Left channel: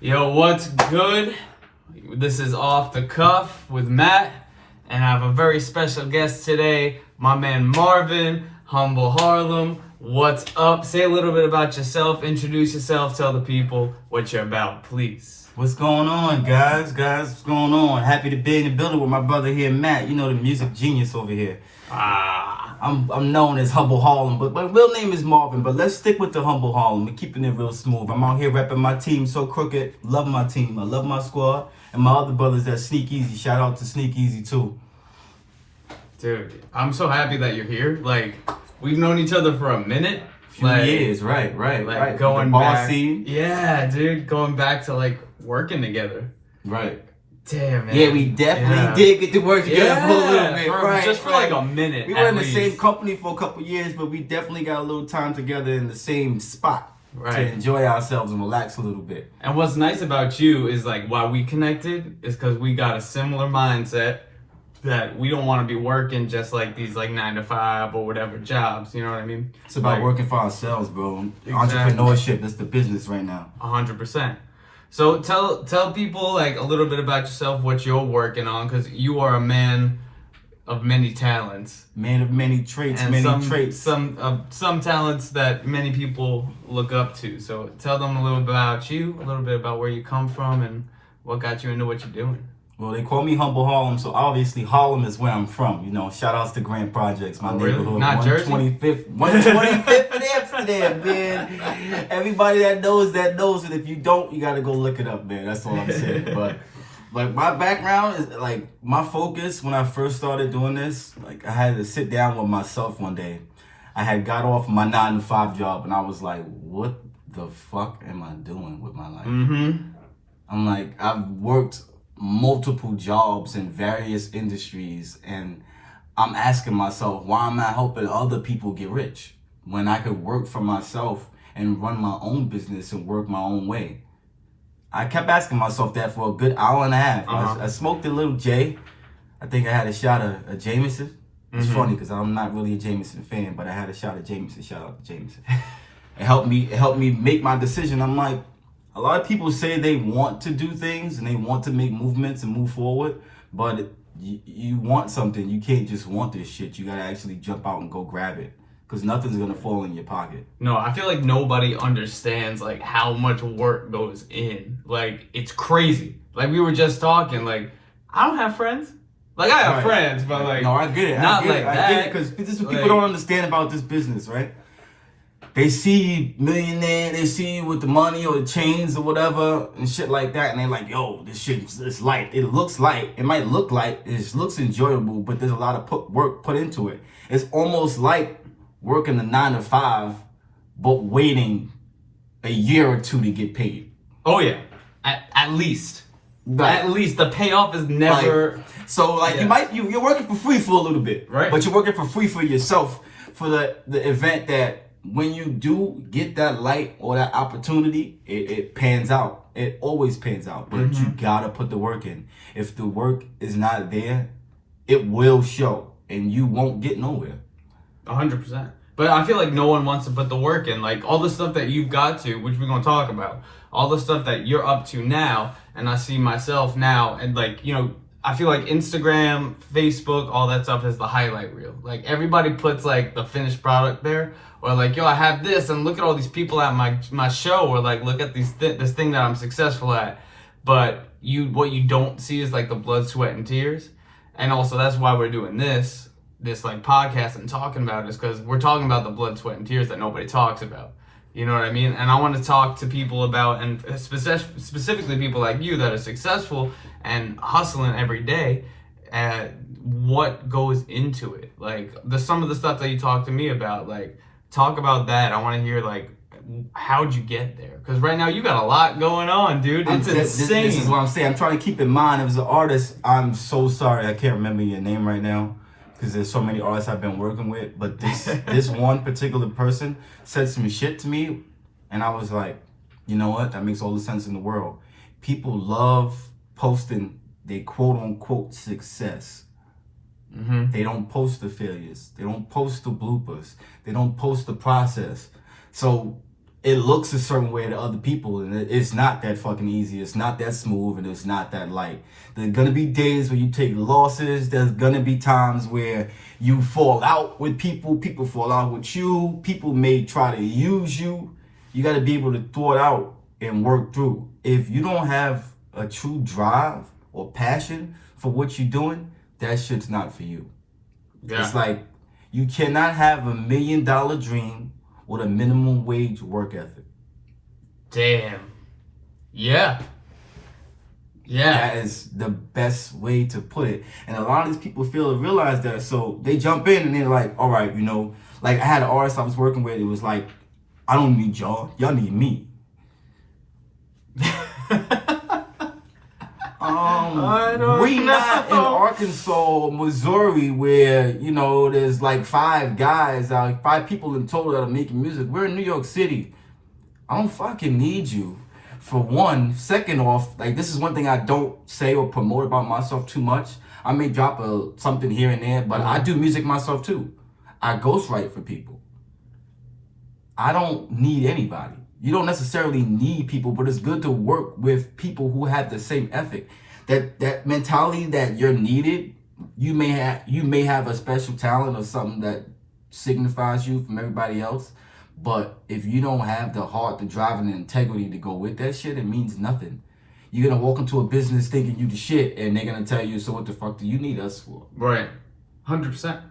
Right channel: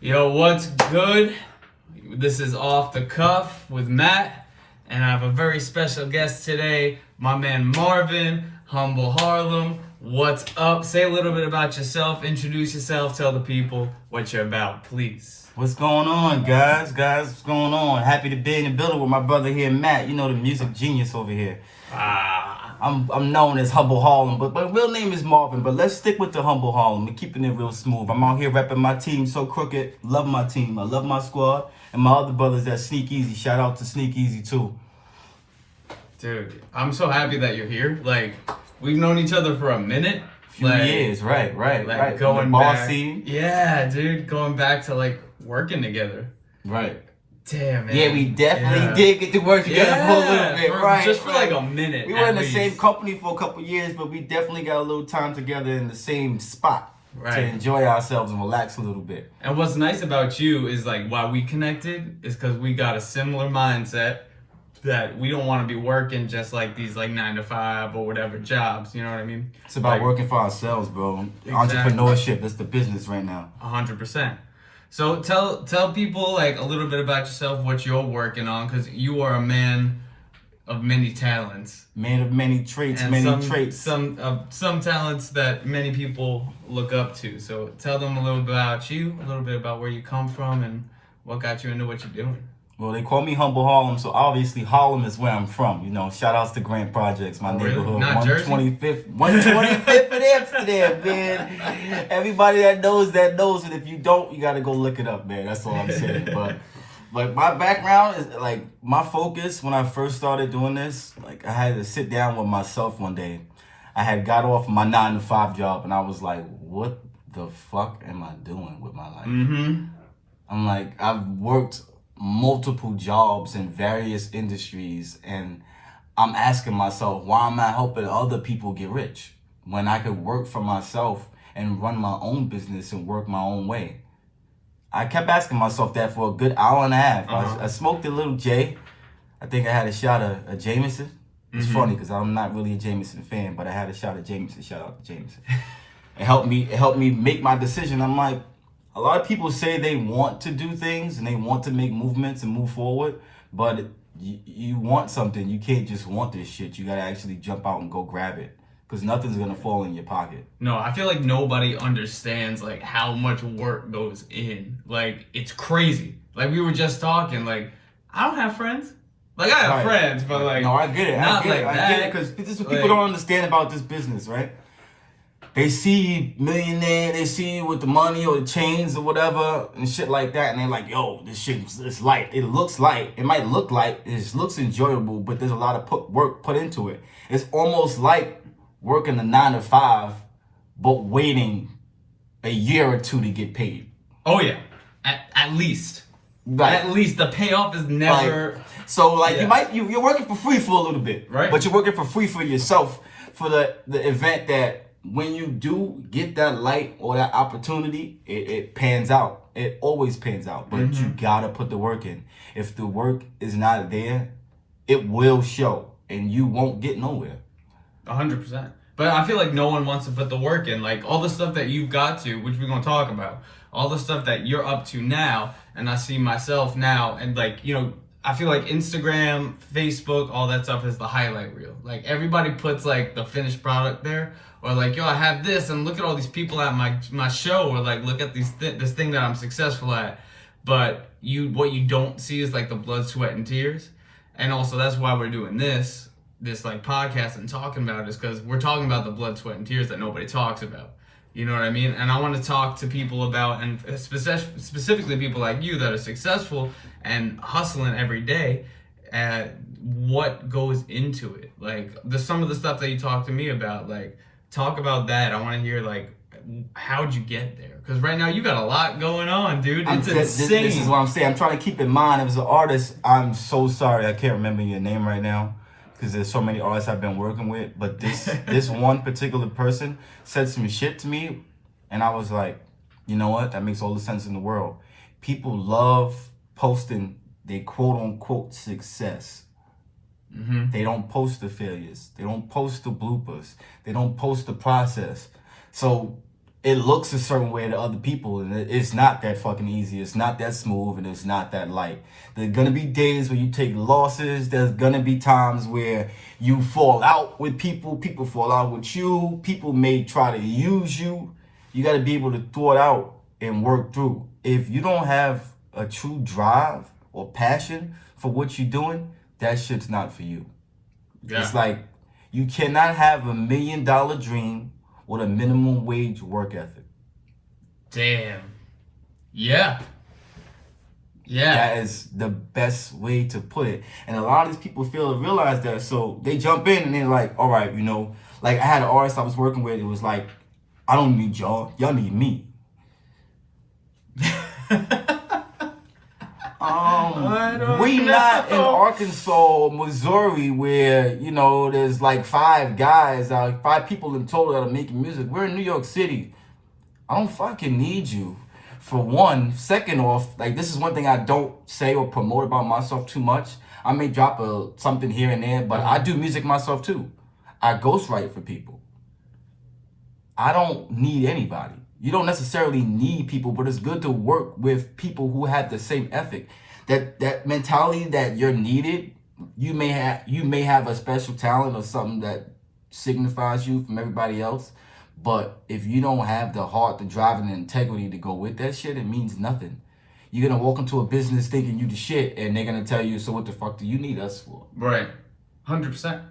Yo, what's good? This is Off the Cuff with Matt, and I have a very special guest today, my man Marvin, HumbleHarlem. What's up? Say a little bit about yourself, introduce yourself, tell the people what you're about, please. What's going on, guys? What's going on? Happy to be in the building with my brother here, Matt. You know, the music genius over here. I'm known as HumbleHarlem, but my real name is Marvin. But let's stick with the HumbleHarlem. We're keeping it real smooth. I'm out here repping my team so crooked. Love my team. I love my squad. And my other brothers that Sneak Easy. Shout out to Sneak Easy, too. Dude, I'm so happy that you're here. Like, we've known each other for a minute. Few years, right. Going the back. Scene. Yeah, dude, going back to, like, working together. Right. Damn, man. Yeah, we definitely did get to work together for a little bit, right? Just for like a minute. We were in the same company for a couple years, but we definitely got a little time together in the same spot to enjoy ourselves and relax a little bit. And what's nice about you is like why we connected is because we got a similar mindset that we don't want to be working just like these like 9 to 5 or whatever jobs. You know what I mean? It's about working for ourselves, bro. Exactly. Entrepreneurship, that's the business right now. 100%. So tell people like a little bit about yourself, what you're working on, because you are a man of many talents. Man of many traits, Some talents that many people look up to. So tell them a little bit about you, a little bit about where you come from, and what got you into what you're doing. Well, they call me HumbleHarlem, so obviously Harlem is where I'm from. You know, shout outs to Grant Projects, my neighborhood. Really? Not 125th in Amsterdam, man. Everybody that knows it. If you don't, you gotta go look it up, man. That's all I'm saying. But my background is like my focus when I first started doing this. Like I had to sit down with myself one day. I had got off my 9 to 5 job, and I was like, "What the fuck am I doing with my life?" Mm-hmm. I'm like, I've worked multiple jobs in various industries, and I'm asking myself, why am I helping other people get rich when I could work for myself and run my own business and work my own way? I kept asking myself that for a good hour and a half. I smoked a little J. I think I had a shot of Jameson. It's funny because I'm not really a Jameson fan, but I had a shot of Jameson. Shout out to Jameson. It helped me make my decision. I'm like, a lot of people say they want to do things and they want to make movements and move forward, but you want something. You can't just want this shit. You gotta actually jump out and go grab it, because nothing's gonna fall in your pocket. No, I feel like nobody understands like how much work goes in. Like it's crazy. Like we were just talking. Like I don't have friends. Like I have friends, but like no, I get it. Not I like get it because this is what people don't understand about this business, right? They see millionaire, they see you with the money or the chains or whatever and shit like that, and they're like, yo, this shit is light. It looks light. It might look light. It looks enjoyable, but there's a lot of work put into it. It's almost like working a 9 to 5, but waiting a year or two to get paid. Oh yeah, at least. Right. At least the payoff is never. You're working for free for a little bit, right? But you're working for free for yourself for the event that when you do get that light or that opportunity, it pans out. It always pans out, but you gotta put the work in. If the work is not there, it will show, and you won't get nowhere. 100%. But I feel like no one wants to put the work in. Like all the stuff that you've got to, which we're gonna talk about, all the stuff that you're up to now, and I see myself now, and like I feel like Instagram, Facebook, all that stuff is the highlight reel. Like everybody puts like the finished product there, or like, yo, I have this, and look at all these people at my show, or like look at this thing that I'm successful at. But what you don't see is like the blood, sweat, and tears. And also that's why we're doing this like podcast and talking about it, is because we're talking about the blood, sweat, and tears that nobody talks about. You know what I mean? And I want to talk to people about, and specifically people like you that are successful and hustling every day, at what goes into it. Like some of the stuff that you talk to me about, like talk about that. I want to hear like, how'd you get there? Because right now you got a lot going on, dude. It's insane. This is what I'm saying. I'm trying to keep in mind, as an artist, I'm so sorry I can't remember your name right now, because there's so many artists I've been working with. But this one particular person said some shit to me, and I was like, you know what? That makes all the sense in the world. People love posting their quote-unquote success. They don't post the failures. They don't post the bloopers. They don't post the process. So it looks a certain way to other people, and it's not that fucking easy. It's not that smooth, and it's not that light. There's gonna be days where you take losses. There's gonna be times where you fall out with people. People fall out with you. People may try to use you. You gotta be able to throw it out and work through. If you don't have a true drive or passion for what you're doing, that shit's not for you. Yeah. It's like you cannot have $1 million dream with a minimum wage work ethic. Damn. Yeah. Yeah. That is the best way to put it. And a lot of these people fail to realize that. So they jump in and they're like, all right, like I had an artist I was working with. It was like, I don't need y'all. Y'all need me. We not in Arkansas, Missouri, where, there's like 5 people in total that are making music. We're in New York City. I don't fucking need you. For one. Second off, like, this is one thing I don't say or promote about myself too much. I may drop something here and there, but I do music myself too. I ghostwrite for people. I don't need anybody. You don't necessarily need people, but it's good to work with people who have the same ethic. That mentality that you're needed, you may have a special talent or something that signifies you from everybody else. But if you don't have the heart, the drive, and the integrity to go with that shit, it means nothing. You're gonna walk into a business thinking you the shit, and they're gonna tell you, so what the fuck do you need us for? Right. 100%.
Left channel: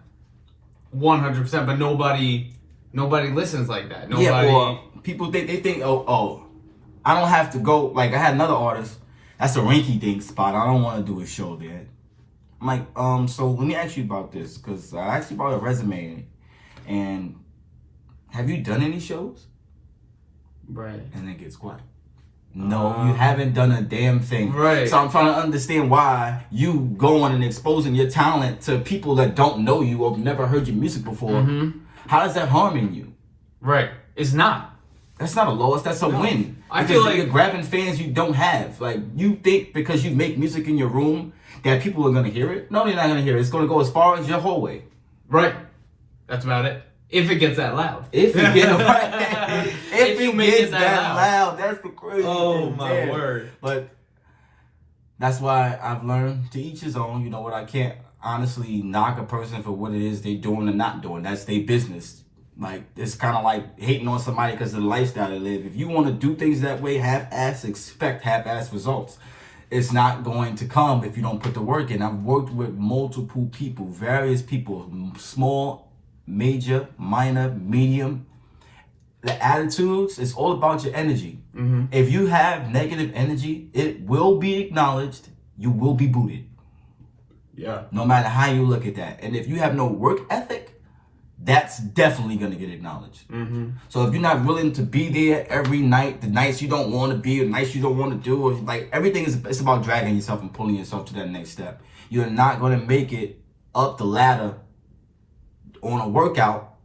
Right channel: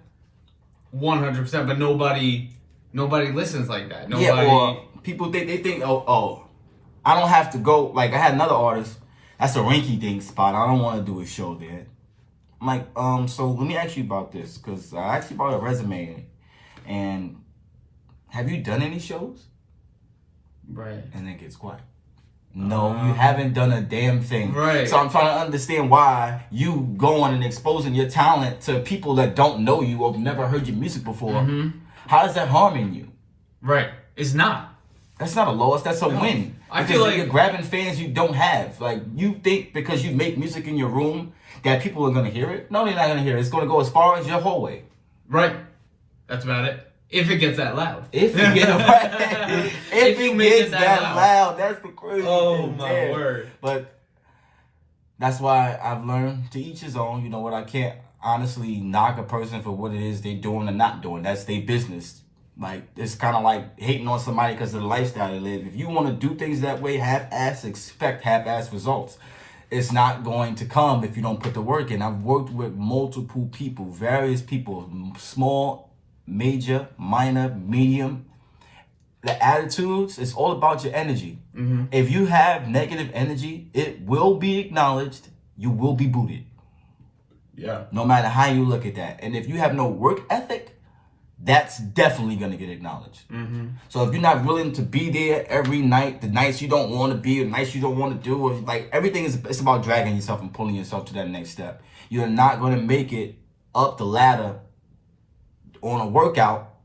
100%. But nobody listens like that. Nobody. Yeah, or people think, oh, I don't have to go. Like, I had another artist. That's a rinky dink spot. I don't want to do a show there. I'm like, so let me ask you about this, because I actually bought a resume, and have you done any shows? Right. And it gets quiet. No, you haven't done a damn thing. Right. So I'm trying to understand why you going and exposing your talent to people that don't know you or have never heard your music before. Mm-hmm. How is that harming you? Right. It's not. That's not a loss. That's a win. I feel like you're grabbing fans you don't have. Like, you think because you make music in your room that people are gonna hear it? No, they're not gonna hear it. It's gonna go as far as your hallway. Right. That's about it. If it gets that loud. If it gets that loud, that's the crazy. Oh my word. But that's why I've learned to each his own. You know what? I can't honestly knock a person for what it is they doing or not doing. That's their business. Like, it's kind of like hating on somebody because of the lifestyle they live. If you want to do things that way, half-ass, expect half-ass results. It's not going to come if you don't put the work in. I've worked with multiple people, various people, small, major, minor, medium. The attitudes, it's all about your energy. Mm-hmm. If you have negative energy, it will be acknowledged. You will be booted. Yeah. No matter how you look at that. And if you have no work ethic, that's definitely going to get acknowledged. Mm-hmm. So if you're not willing to be there every night, the nights you don't want to be, the nights you don't want to do, like, everything it's about dragging yourself and pulling yourself to that next step. You're not going to make it up the ladder on a workout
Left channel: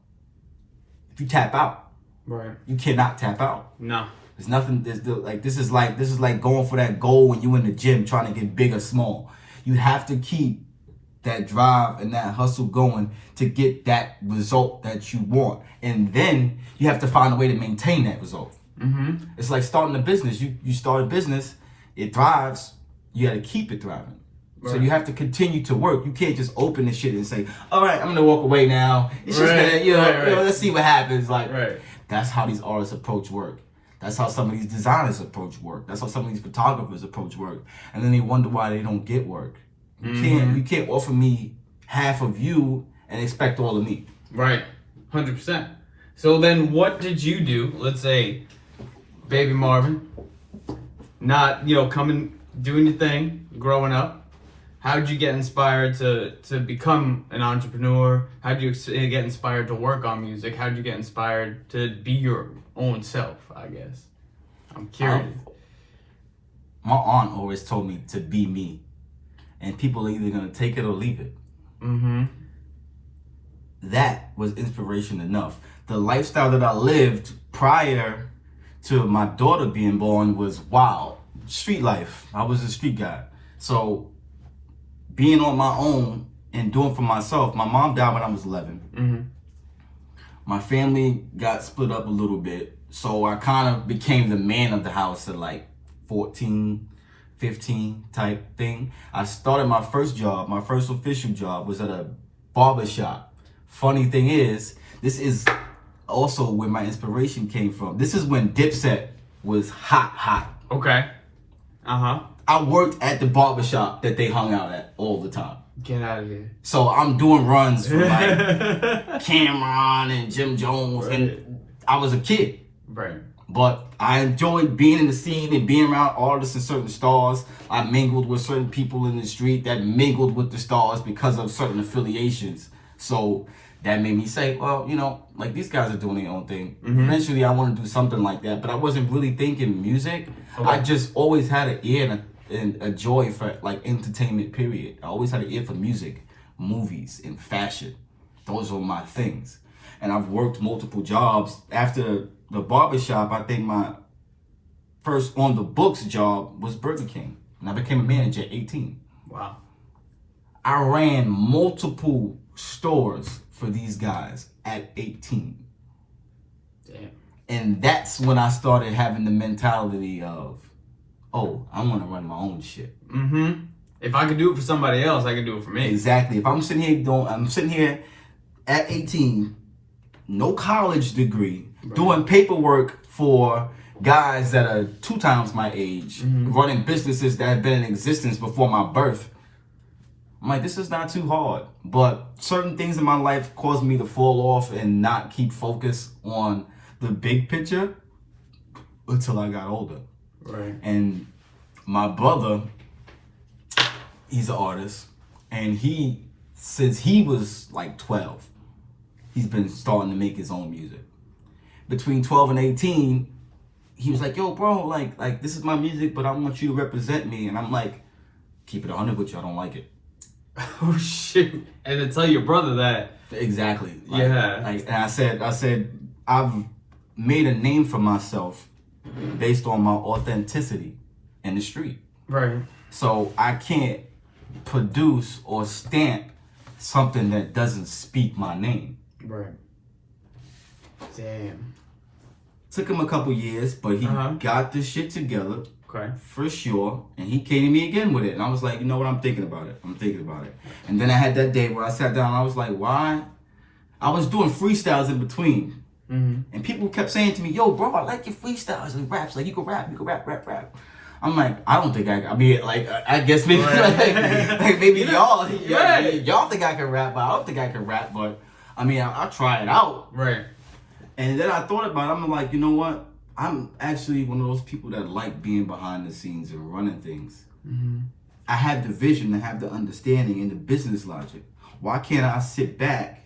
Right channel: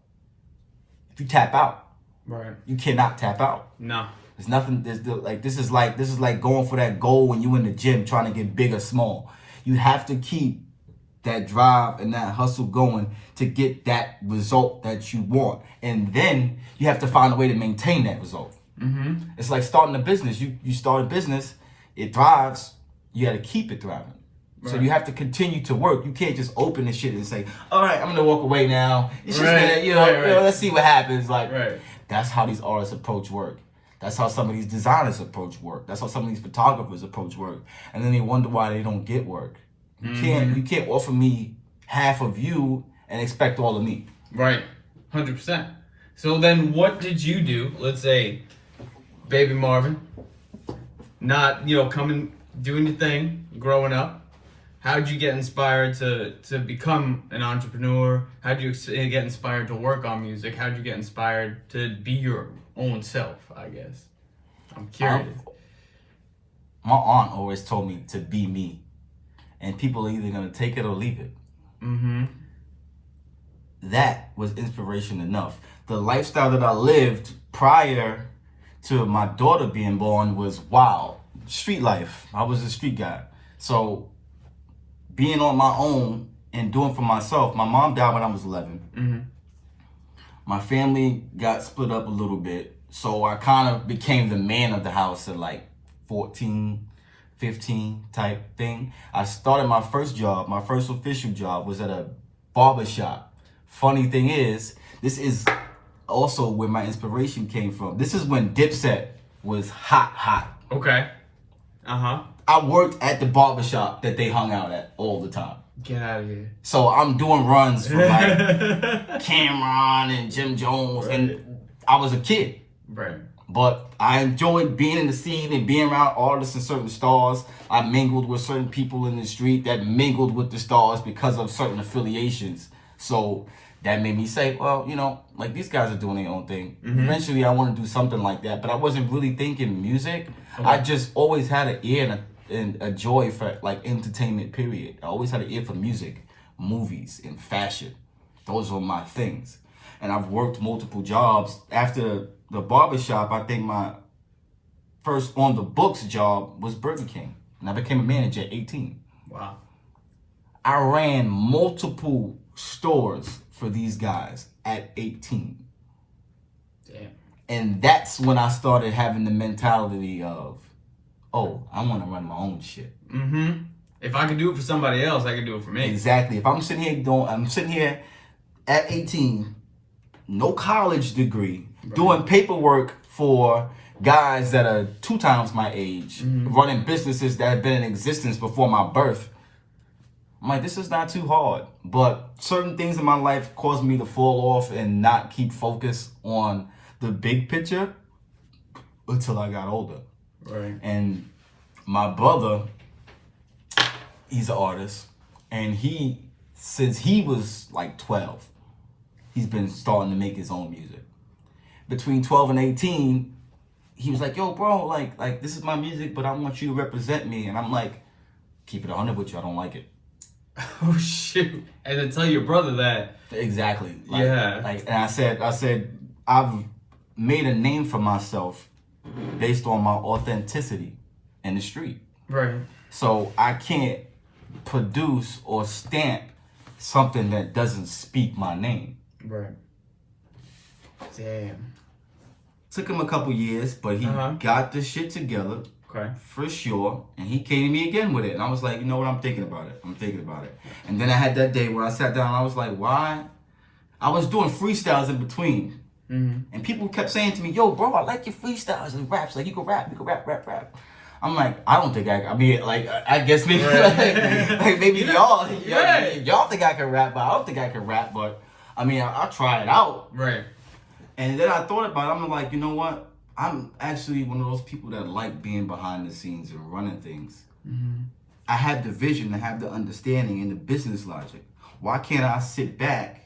if you tap out. Right. You cannot tap out. No. There's nothing. This is like going for that goal when you in the gym trying to get big or small. You have to keep that drive and that hustle going to get that result that you want, and then you have to find a way to maintain that result. Mm-hmm. It's like starting a business. You start a business, it thrives. You got to keep it thriving. Right. So you have to continue to work. You can't just open this shit and say, "All right, I'm gonna walk away now." It's just let's see what happens. Like, that's how these artists approach work. That's how some of these designers approach work. That's how some of these photographers approach work. And then they wonder why they don't get work. You can't offer me half of you and expect all of me. Right. 100%. So then what did you do? Let's say baby Marvin, not, coming, doing your thing, growing up. How did you get inspired to become an entrepreneur? How did you get inspired to work on music? How did you get inspired to be your own self, I guess? I'm curious. My aunt always told me to be me. And people are either going to take it or leave it. Mm-hmm. That was inspiration enough. The lifestyle that I lived prior to my daughter being born was wild. Street life. I was a street guy. So being on my own and doing for myself, my mom died when I was 11. Mm-hmm. My family got split up a little bit. So I kind of became the man of the house at like 14, 15 type thing. I started my first job, my first official job was at a barber shop. Funny thing is, this is also where my inspiration came from. This is when Dipset was hot. Okay. Uh-huh. I worked at the barber shop that they hung out at all the time. Get out of here. So I'm doing runs for like Cameron and Jim Jones, and I was a kid. Right. But I enjoyed being in the scene and being around artists and certain stars. I mingled with certain people in the street that mingled with the stars because of certain affiliations. So that made me say, well, you know, like these guys are doing their own thing. Mm-hmm. Eventually I want to do something like that, but I wasn't really thinking music. Okay. I just always had an ear and a joy for like entertainment, period. I always had an ear for music, movies, and fashion. Those were my things. And I've worked multiple jobs. After the barbershop, I think my first on the books job was Burger King. And I became a manager at 18. Wow. I ran multiple stores for these guys at 18. Damn. And that's when I started having the mentality of, oh, I want to run my own shit. Mm-hmm. If I could do it for somebody else, I can do it for me. Exactly. If I'm sitting here at 18, no college degree, right, doing paperwork for guys that are 2 times my age, mm-hmm, running businesses that have been in existence before my birth. I'm like, this is not too hard. But certain things in my life caused me to fall off and not keep focus on the big picture until I got older. Right. And my brother, he's an artist, and since he was like 12, he's been starting to make his own music. Between 12 and 18, he was like, yo, bro, like this is my music, but I want you to represent me. And I'm like, keep it 100 with you, I don't like it. Oh, shoot. And to tell your brother that. Exactly. Yeah. And I said, I've made a name for myself based on my authenticity in the street. Right. So I can't produce or stamp something that doesn't speak my name. Right. Damn. Took him a couple years, but he got the shit together. Okay. For sure. And he came to me again with it. And I was like, you know what? I'm thinking about it. And then I had that day where I sat down and I was like, why? I was doing freestyles in between. Mm-hmm. And people kept saying to me, yo, bro, I like your freestyles and raps. Like, you can rap. I'm like, I don't think I guess maybe, maybe y'all think I can rap, but I don't think I can rap. But, I mean, I'll try it out. Right. And then I thought about it. I'm like, you know what? I'm actually one of those people that like being behind the scenes and running things. Mm-hmm. I have the vision, I have the understanding and the business logic. Why can't I sit back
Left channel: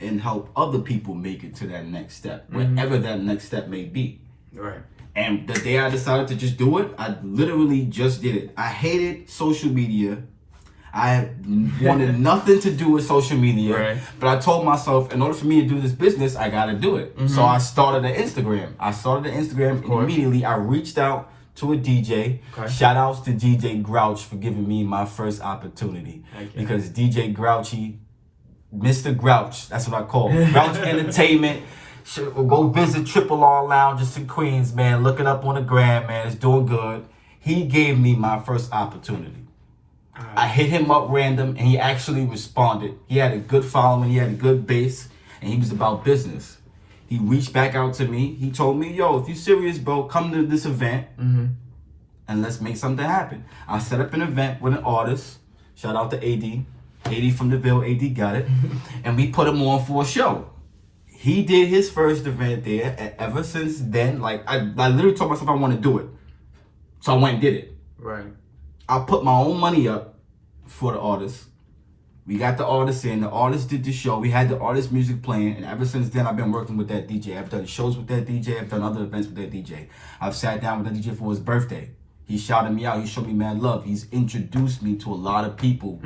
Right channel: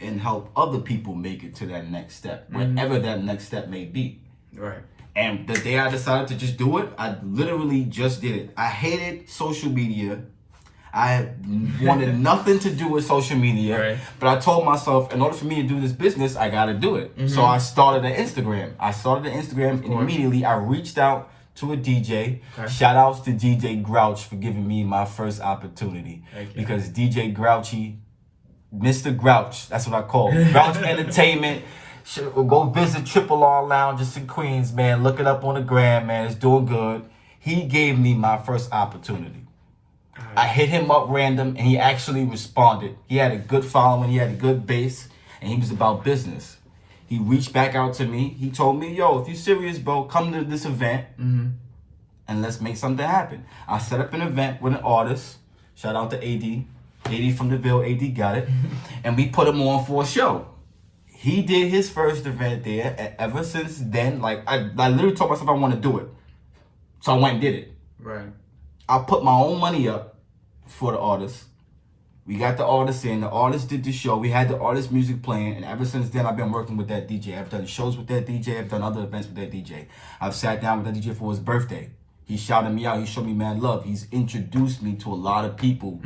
and help other people make it to that next step, whatever that next step may be? Right. And the day I decided to just do it, I literally just did it. I hated social media. I wanted nothing to do with social media, right, but I told myself, in order for me to do this business, I got to do it. Mm-hmm. So I started an Instagram. And immediately I reached out to a DJ. Okay. Shout outs to DJ Grouch for giving me my first opportunity. Because DJ Grouchy, Mr. Grouch, that's what I call him. Grouch Entertainment. Go visit Triple R Lounges in Queens, man. Look it up on the gram, man. It's doing good. He gave me my first opportunity. I hit him up random, and he actually responded. He had a good following, he had a good base, and he was about business. He reached back out to me. He told me, yo, if you serious, bro, come to this event, and let's make something happen. I set up an event with an artist. Shout out to AD. AD from the Ville, AD got it. And we put him on for a show. He did his first event there, and ever since then, like, I literally told myself I want to do it. So I went and did it. Right. I put my own money up for the artist. We got the artist in. The artist did the show. We had the artist music playing. And ever since then, I've been working with that DJ. I've done shows with that DJ. I've done other events with that DJ. I've sat down with that DJ for his birthday. He shouted me out. He showed me mad love. He's introduced me to a lot of people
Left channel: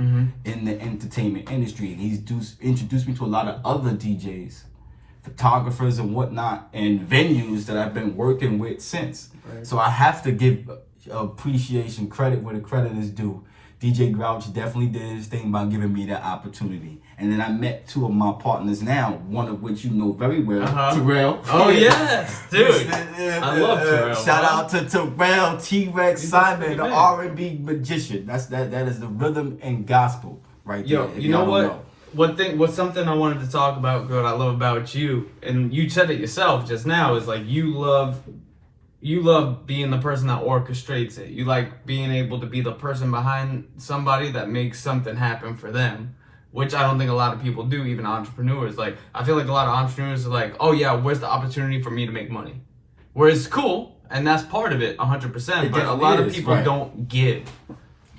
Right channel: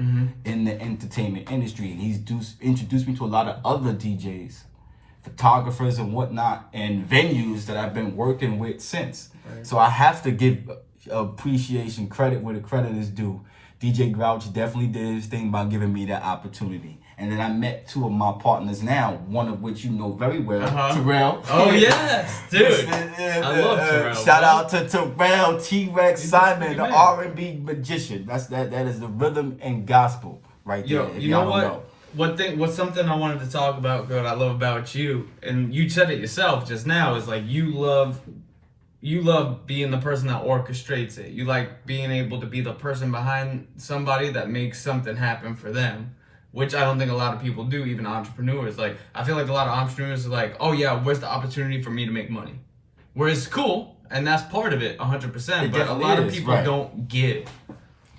in the entertainment industry. And he's introduced me to a lot of other DJs, photographers and whatnot, and venues that I've been working with since. Right. So I have to give appreciation, credit where the credit is due DJ Grouch definitely did his thing by giving me that opportunity. And then I met two of my partners now, one of which you know very well, Terrell. Oh, yes, dude. I love Terrell. Shout out to Terrell, T-Rex, Simon, the R&B magician. That is the rhythm and gospel right there. Yo, you know what? What's something I wanted to talk about, good, I love about you, and you said it yourself just now, is like you love being the person that orchestrates it. You like being able to be the person behind somebody that makes something happen for them, which I don't think a lot of people do, even entrepreneurs. Like, I feel like a lot of entrepreneurs are like, oh yeah, where's the opportunity for me to make money? Whereas cool, and that's part of it, 100%, but a lot of people don't give.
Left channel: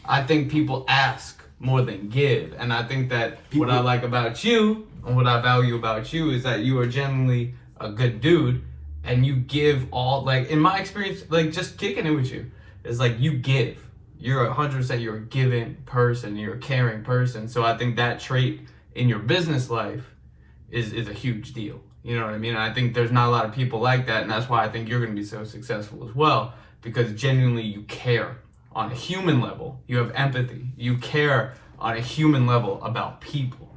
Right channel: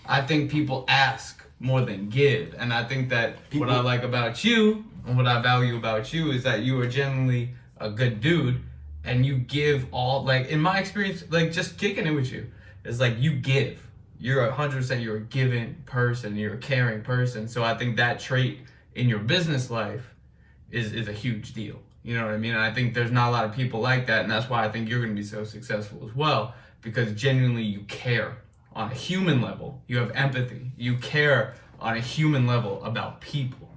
I think people ask more than give, and I think that what I like about you and what I value about you is that you are genuinely a good dude, and you give all, like, in my experience, like, just kicking it with you, it's like you give. You're 100%, you're a giving person, you're a caring person. So I think that trait in your business life is a huge deal. You know what I mean? And I think there's not a lot of people like that, and that's why I think you're going to be so successful as well, because genuinely you care on a human level. You have empathy. You care on a human level about people.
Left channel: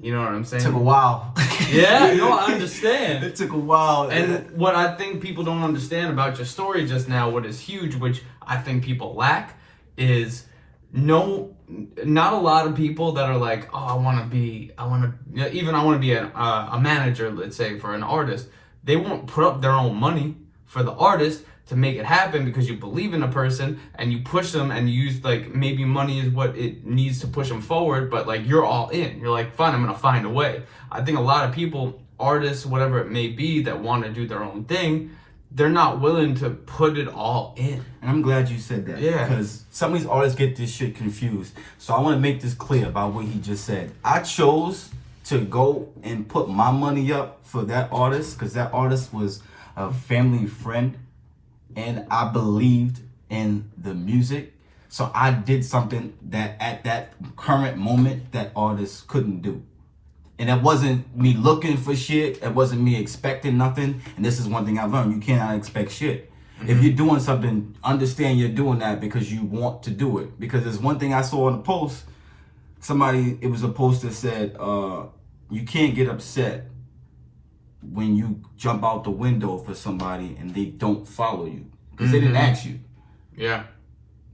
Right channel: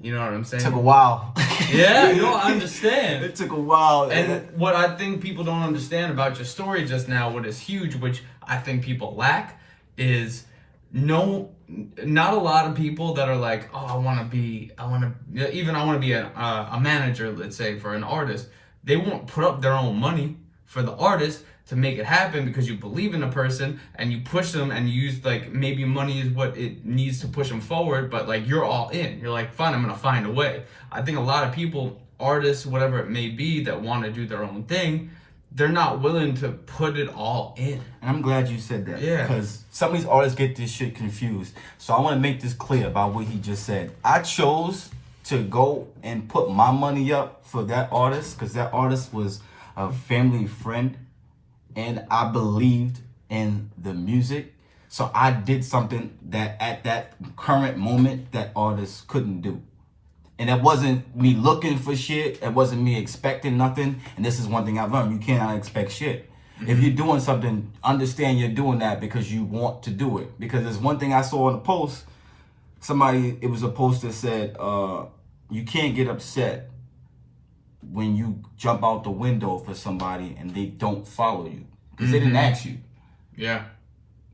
You know what I'm saying? It took a while. Yeah, no, I understand. It took a while. And what I think people don't understand about your story just now, what is huge, which I think people lack, is not a lot of people that are like, oh, I want to be a manager, let's say, for an artist. They won't put up their own money for the artist to make it happen, because you believe in a person and you push them and you use, like, maybe money is what it needs to push them forward, but like you're all in. You're like, fine, I'm gonna find a way. I think a lot of people, artists, whatever it may be, that want to do their own thing, they're not willing to put it all in. And I'm glad you said that. Yeah. Because some of these artists get this shit confused. So I want to make this clear about what he just said. I chose to go and put my money up for that artist because that artist was a family friend. And I believed in the music. So I did something that at that current moment that artists couldn't do. And it wasn't me looking for shit. It wasn't me expecting nothing. And this is one thing I've learned. You cannot expect shit. Mm-hmm. If you're doing something, understand you're doing that because you want to do it. Because there's one thing I saw in a post. It was a post that said, you can't get upset when you jump out the window for somebody and they don't follow you. Because they didn't ask you. Yeah.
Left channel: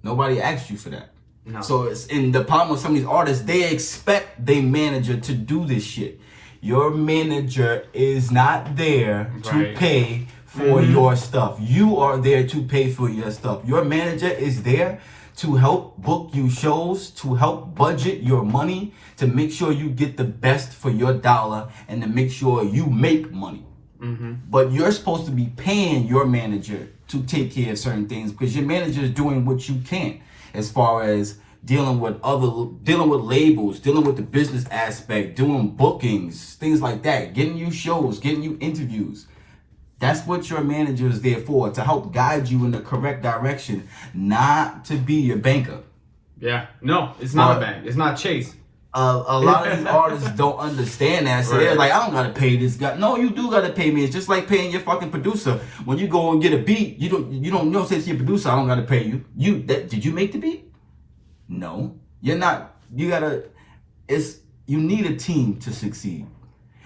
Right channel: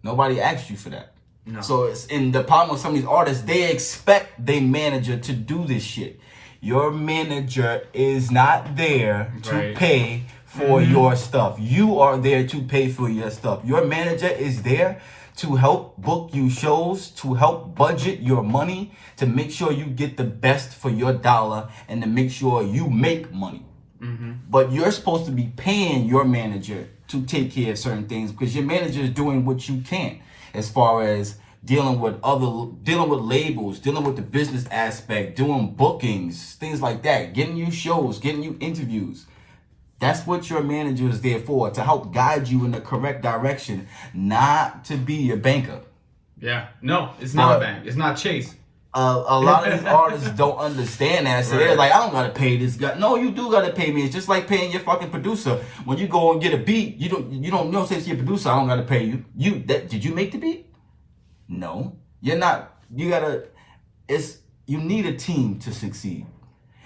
Nobody asked you for that. No. So it's in the problem with some of these artists, they expect their manager to do this shit. Your manager is not there to pay for your stuff. You are there to pay for your stuff. Your manager is there to help book you shows, to help budget your money, to make sure you get the best for your dollar, and to make sure you make money. Mm-hmm. But you're supposed to be paying your manager to take care of certain things because your manager is doing what you can as far as dealing with labels, dealing with the business aspect, doing bookings, things like that, getting you shows, getting you interviews. That's what your manager is there for, to help guide you in the correct direction, not to be your banker. Yeah, no, it's not a bank. It's not Chase. A lot of these artists don't understand that. So they're like, I don't gotta pay this guy. No, you do gotta pay me. It's just like paying your fucking producer. When you go and get a beat, you don't say to your producer, I don't gotta pay you. Did you make the beat? No. You're not. You need a team to succeed.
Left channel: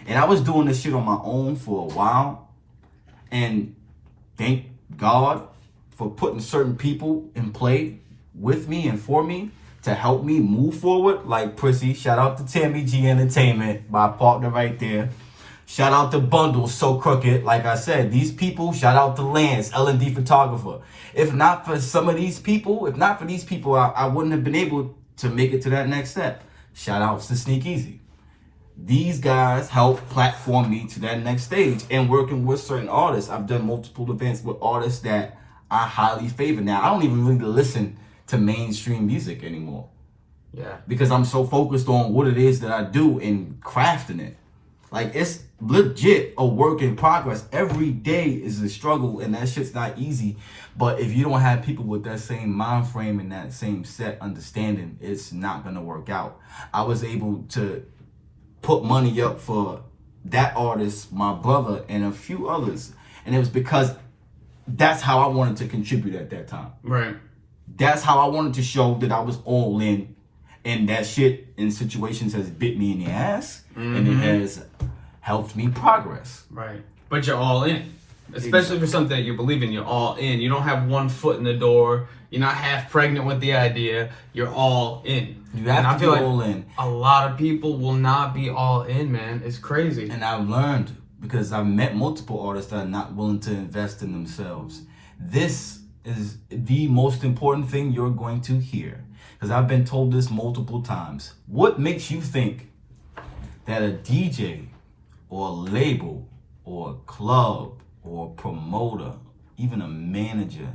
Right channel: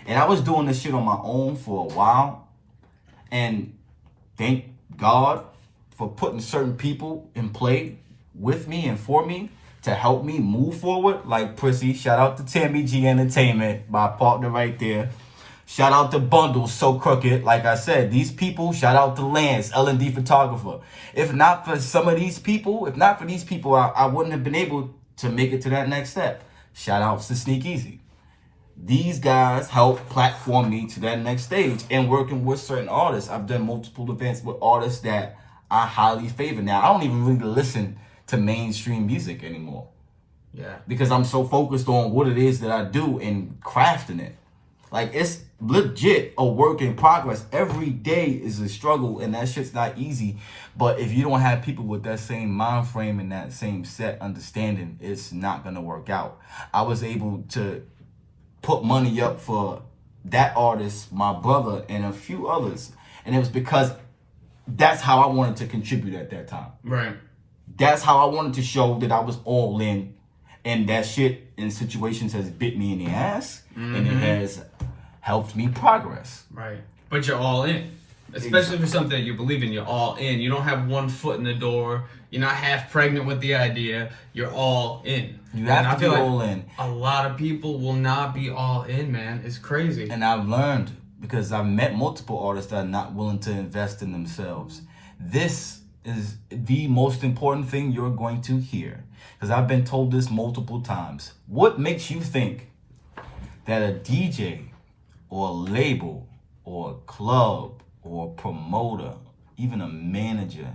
And I was doing this shit on my own for a while. And thank God for putting certain people in play with me and for me to help me move forward. Like Prissy, shout out to Tammy G Entertainment, my partner right there. Shout out to Bundles, So Crooked. Like I said, these people, shout out to Lance, L&D Photographer. If not for these people, I wouldn't have been able to make it to that next step. Shout outs to Sneak Easy. These guys help platform me to that next stage. And working with certain artists, I've done multiple events with artists that I highly favor. Now, I don't even really listen to mainstream music anymore. Yeah. Because I'm so focused on what it is that I do and crafting it. Like, it's legit a work in progress. Every day is a struggle, and that shit's not easy. But if you don't have people with that same mind frame and that same set understanding, it's not going to work out. I was able to put money up for that artist, my brother, and a few others. And it was because that's how I wanted to contribute at that time. Right. That's how I wanted to show that I was all in. And that shit in situations has bit me in the ass. And it has helped me progress. Right. But you're all in. Especially for something that you believe in, you're all in. You don't have one foot in the door. You're not half pregnant with the idea. You're all in. You have to be all in. A lot of people will not be all in, man. It's crazy. And I've learned, because I've met multiple artists that are not willing to invest in themselves. This is the most important thing you're going to hear. Because I've been told this multiple times. What makes you think that a DJ or a label or a club or a promoter, even a manager,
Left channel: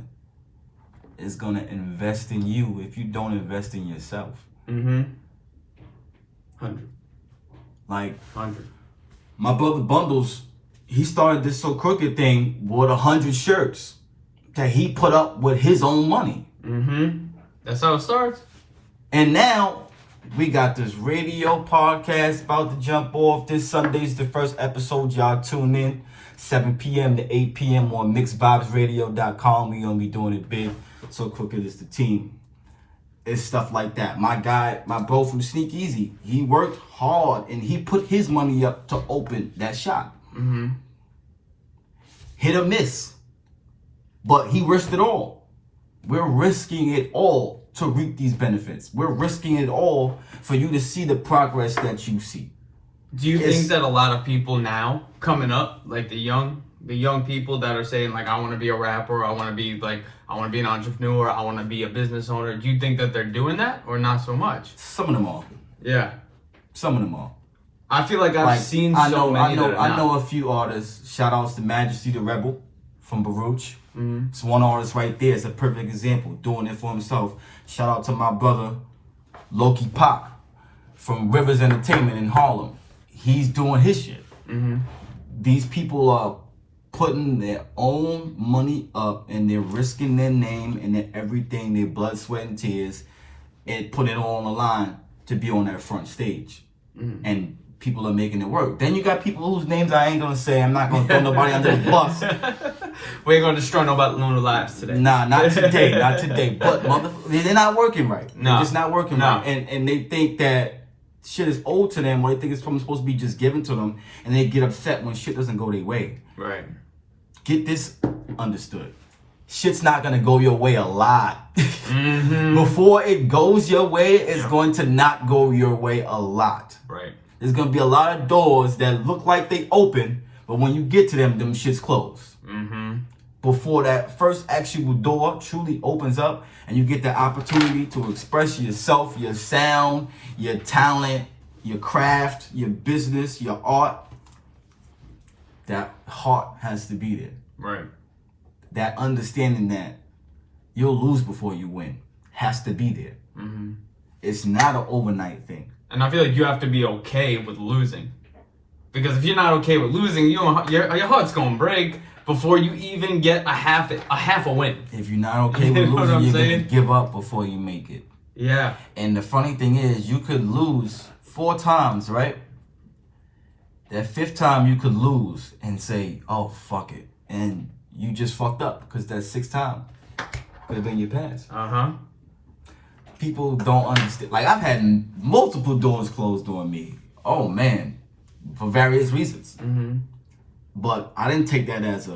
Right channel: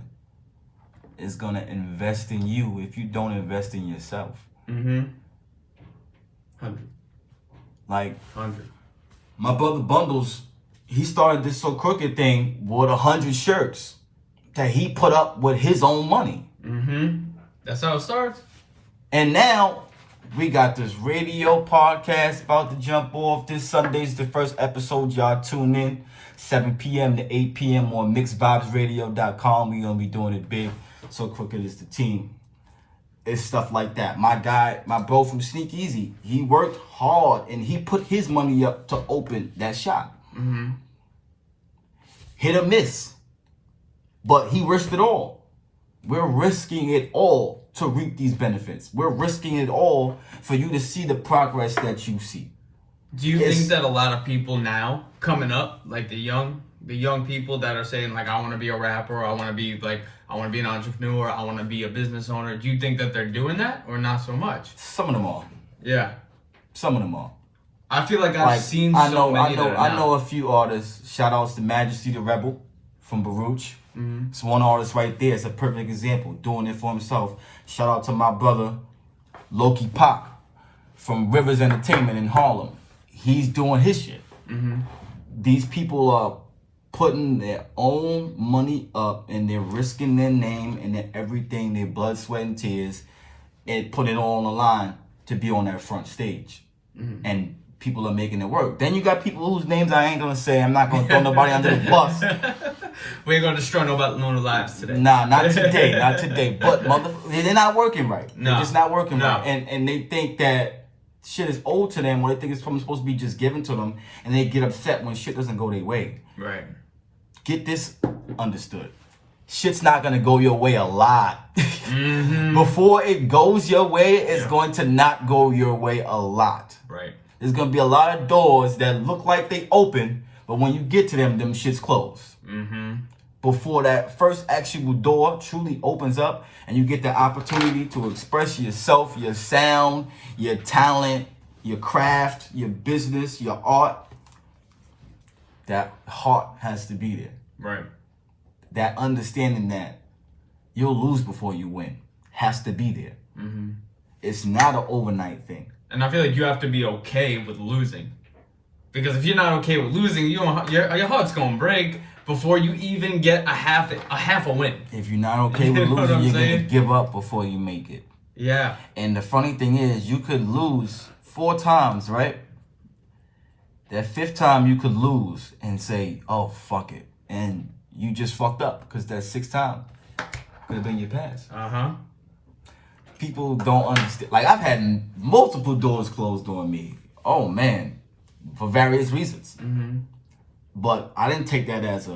is going to invest in you if you don't invest in yourself? 100. Like, 100. my brother Bundles, he started this So Crooked thing with 100 shirts that he put up with his own money. That's how it starts. And now we got this radio podcast about to jump off. This Sunday's the first episode. Y'all tune in 7 p.m. to 8 p.m. on mixedvibesradio.com. We gonna be doing it big. So Crooked is the team. It's stuff like that. My guy, my bro from Sneak Easy, he worked hard and he put his money up to open that shop. Hit or miss. But he risked it all. We're risking it all to reap these benefits. We're risking it all for you to see the progress that you see. Do you think that a lot of people now coming up, like the young people that are saying like, I want to be a rapper, I want to be an entrepreneur, I want to be a business owner, do you think that they're doing that or not so much? Some of them are. Yeah. Some of them are. I feel like I've seen so many that are not. I know a few artists. Shout outs to Majesty the Rebel from Baruch. It's one artist right there. It's a perfect example, doing it for himself. Shout out to my brother, Loki Pop, from Rivers Entertainment in Harlem. He's doing his shit. These people are putting their own money up and they're risking their name and their everything, their blood, sweat, and tears, and putting it all on the line to be on that front stage. And people are making it work. Then you got people whose names I ain't gonna say. I'm not gonna throw nobody under the bus. We ain't gonna destroy no lives today. Nah, not today, not today. But they're not working right. No. They're just not working right. And they think that shit is owed to them, or they think it's supposed to be just given to them, and they get upset when shit doesn't go their way. Right. Get this understood. Shit's not gonna go your way a lot. Before it goes your way, it's going to not go your way a lot. Right. There's gonna be a lot of doors that look like they open, but when you get to them shit's closed. Before that first actual door truly opens up and you get the opportunity to express yourself, your sound, your talent, your craft, your business, your art, that heart has to be there. Right. That understanding that you'll lose before you win has to be there. It's not an overnight thing. And I feel like you have to be okay with losing. Because if you're not okay with losing, your heart's going to break before you even get a half a win. If you're not okay with losing, you're going to give up before you make it. Yeah. And the funny thing is, you could lose 4 times, right? That 5th time you could lose and say, oh, fuck it. And you just fucked up because that 6th time could have been your pass. People don't understand. Like, I've had multiple doors closed on me. Oh, man. For various reasons. But I didn't take that as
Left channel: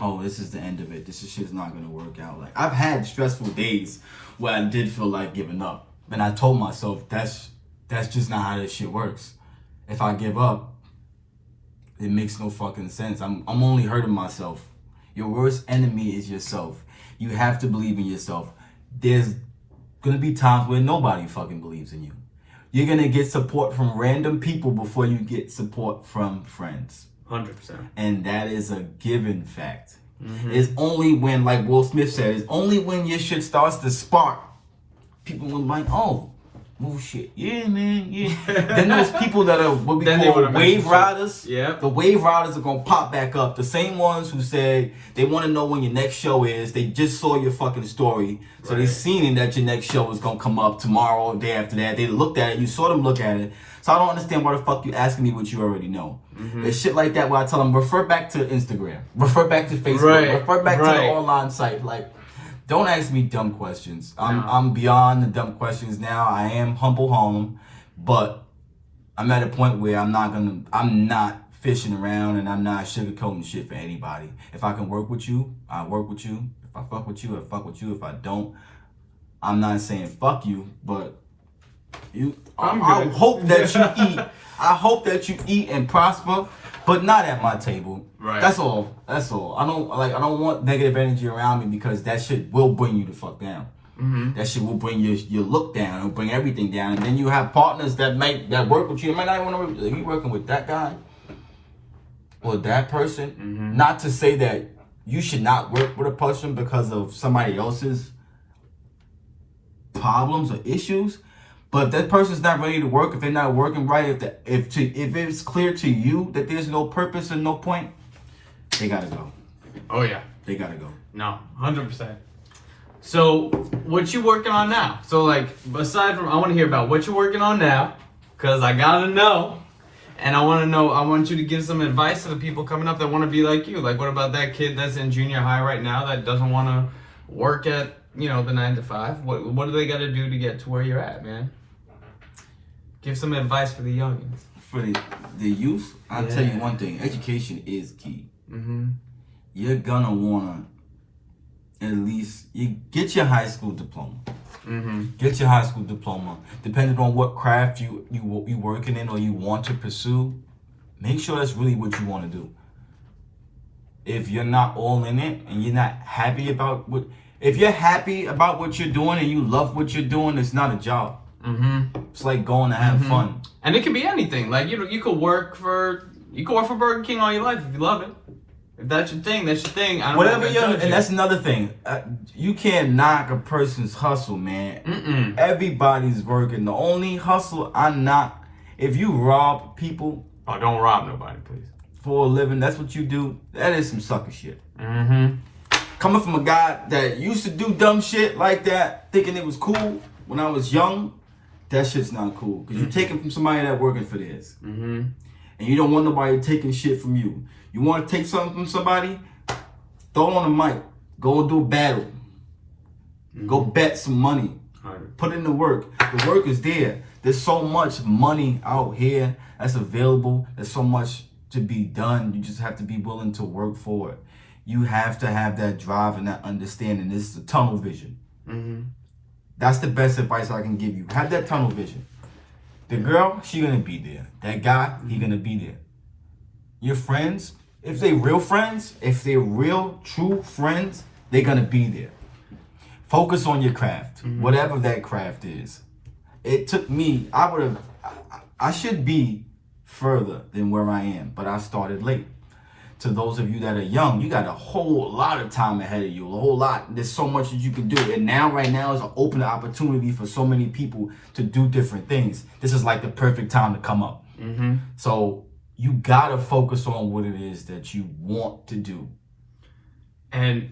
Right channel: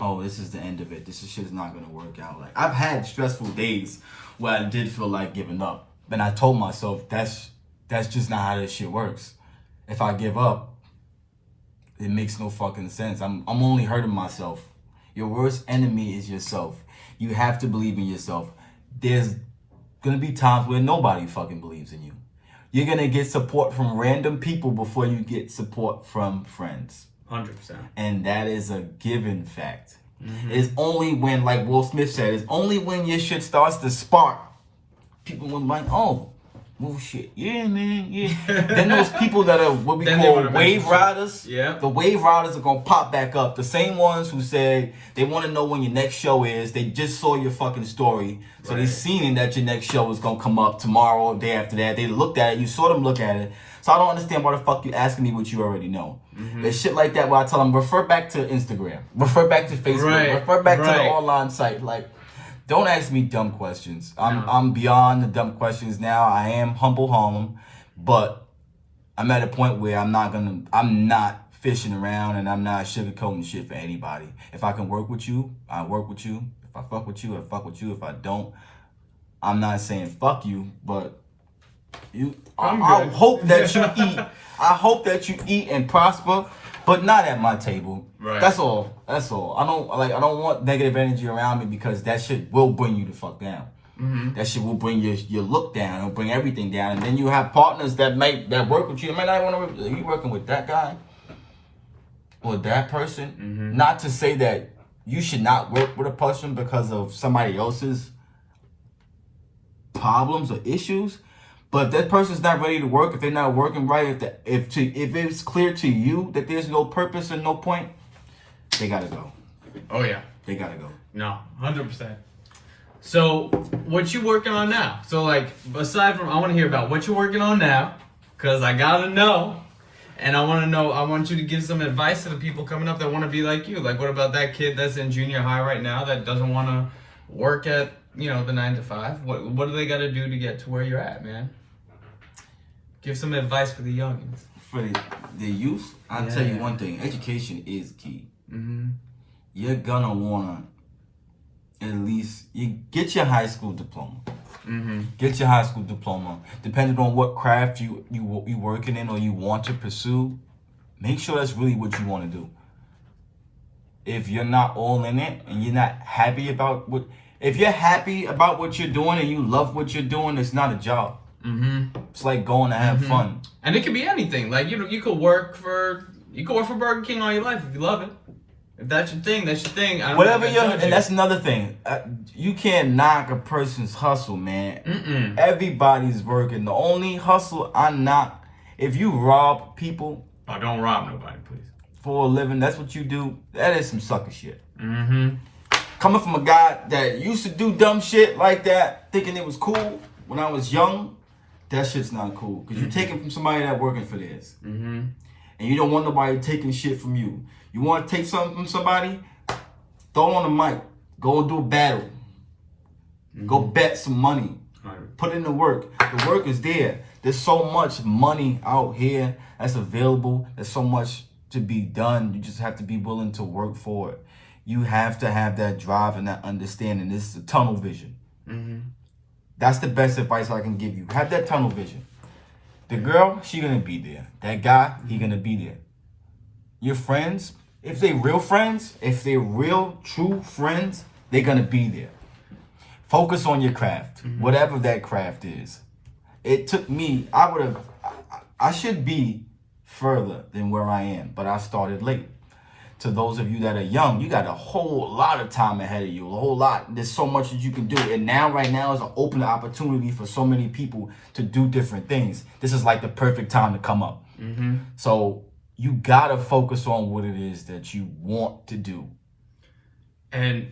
oh, this is the end of it. This shit's not going to work out. Like, I've had stressful days where I did feel like giving up. But I told myself, that's just not how this shit works. If I give up, it makes no fucking sense. I'm only hurting myself. Your worst enemy is yourself. You have to believe in yourself. There's gonna be times where nobody fucking believes in you. You're gonna get support from random people before you get support from friends. 100%. And that is a given fact. It's only when, like Will Smith said, it's only when your shit starts to spark, people will be like, oh shit, yeah, man, yeah. Then there's people that are what we call wave riders. Yeah. The wave riders are gonna pop back up. The same ones who said they want to know when your next show is. They just saw your fucking story, so they seen that your next show is gonna come up tomorrow or day after that. They looked at it. You saw them look at it. So I don't understand why the fuck you asking me what you already know. There's shit like that where I tell them refer back to Instagram, refer back to Facebook, refer back to the online site. Like, Don't ask me dumb questions. No. I'm beyond the dumb questions now. I am HumbleHarlem, but I'm at a point where I'm not fishing around and I'm not sugarcoating shit for anybody. If I can work with you, I work with you. If I fuck with you, I fuck with you. If I don't, I'm not saying fuck you, but I hope that you eat. I hope that you eat and prosper, but not at my table. Right. That's all. I don't want negative energy around me because that shit will bring you the fuck down. Mm-hmm. That shit will bring your look down. It'll bring everything down. And then you have partners that work with you. You might not want to be working with that guy or that person. Mm-hmm. Not to say that you should not work with a person because of somebody else's problems or issues. But if that person's not ready to work, if they're not working right, if it's clear to you that there's no purpose and no point, they gotta go. Oh yeah. They gotta go. No, 100%. So, what you working on now? So, like, aside from, I want to hear about what you're working on now, because I gotta know, and I want you to give some advice to the people coming up that want to be like you. Like, what about that kid that's in junior high right now that doesn't want to work at, the 9 to 5? What do they got to do to get to where you're at, man? Give some advice for the youngins. For the youth, I'll tell you one thing. Education is key. Mm-hmm. You're gonna want to at least you get your high school diploma. Mm-hmm. Get your high school diploma. Depending on what craft you working in or you want to pursue, make sure that's really what you want to do. If you're not all in it and you're not happy about if you're happy about what you're doing and you love what you're doing, it's not a job. Mm-hmm. It's like going to have fun. And it can be anything. Like, you could work for Burger King all your life if you love it. If that's your thing, that's your thing. Whatever and that's another thing. You can't knock a person's hustle, man. Mm-mm. Everybody's working. The only hustle I knock, if you rob people. Oh, don't rob nobody, please. For a living, that's what you do. That is some sucker shit. Mm-hmm. Coming from a guy that used to do dumb shit like that, thinking it was cool when I was young, that shit's not cool. Because you're taking from somebody that working for this. Mm-hmm. And you don't want nobody taking shit from you. You want to take something from somebody? Throw it on the mic. Go and do a battle. Mm-hmm. Go bet some money. Right. Put in the work. The work is there. There's so much money out here that's available. There's so much to be done. You just have to be willing to work for it. You have to have that drive and that understanding. This is a tunnel vision. Mm-hmm. That's the best advice I can give you. Have that tunnel vision. The girl, she gonna be there. That guy, he gonna be there. Your friends, if they real friends, if they're real, true friends, they're gonna be there. Focus on your craft, whatever that craft is. It took me, I should be further than where I am, but I started late. To those of you that are young, you got a whole lot of time ahead of you, a whole lot. There's so much that you can do. And right now is an open opportunity for so many people to do different things. This is like the perfect time to come up. Mm-hmm. So you got to focus on what it is that you want to do. And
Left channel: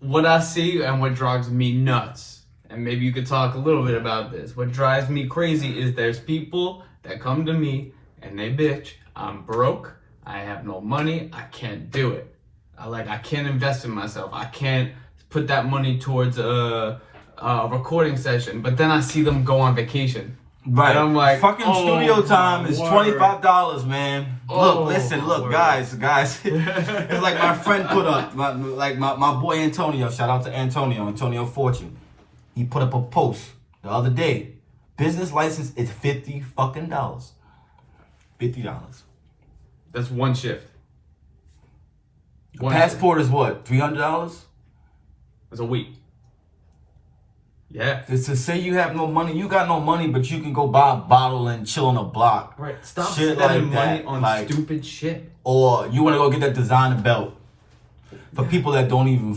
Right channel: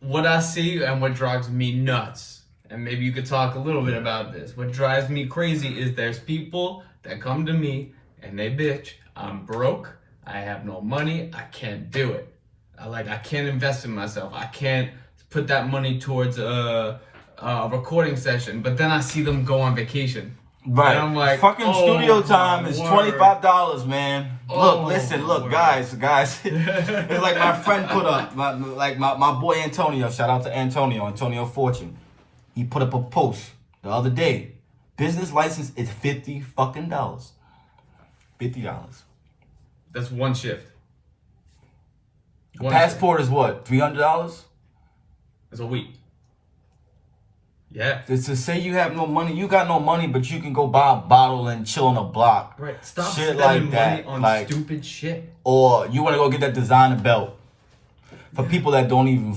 what I see and what drives me nuts, and maybe you could talk a little bit about this, what drives me crazy is there's people that come to me and they bitch, I'm broke. I have no money. I can't do it. I can't invest in myself. I can't put that money towards a recording session. But then I see them go on vacation. Right. And I'm like, fucking studio time is $25, man. Oh, Look, guys. It's like my friend put up, my boy Antonio. Shout out to Antonio Fortune. He put up a post the other day. Business license is $50 fucking dollars. $50. That's one shift. Passport is what? $300? It's a week. Yeah. To say you have no money, you got no money, but you can go buy a bottle and chill on a block. Right. Stop shit spending like money on stupid shit. Or you want to go get that designer belt for people that don't even.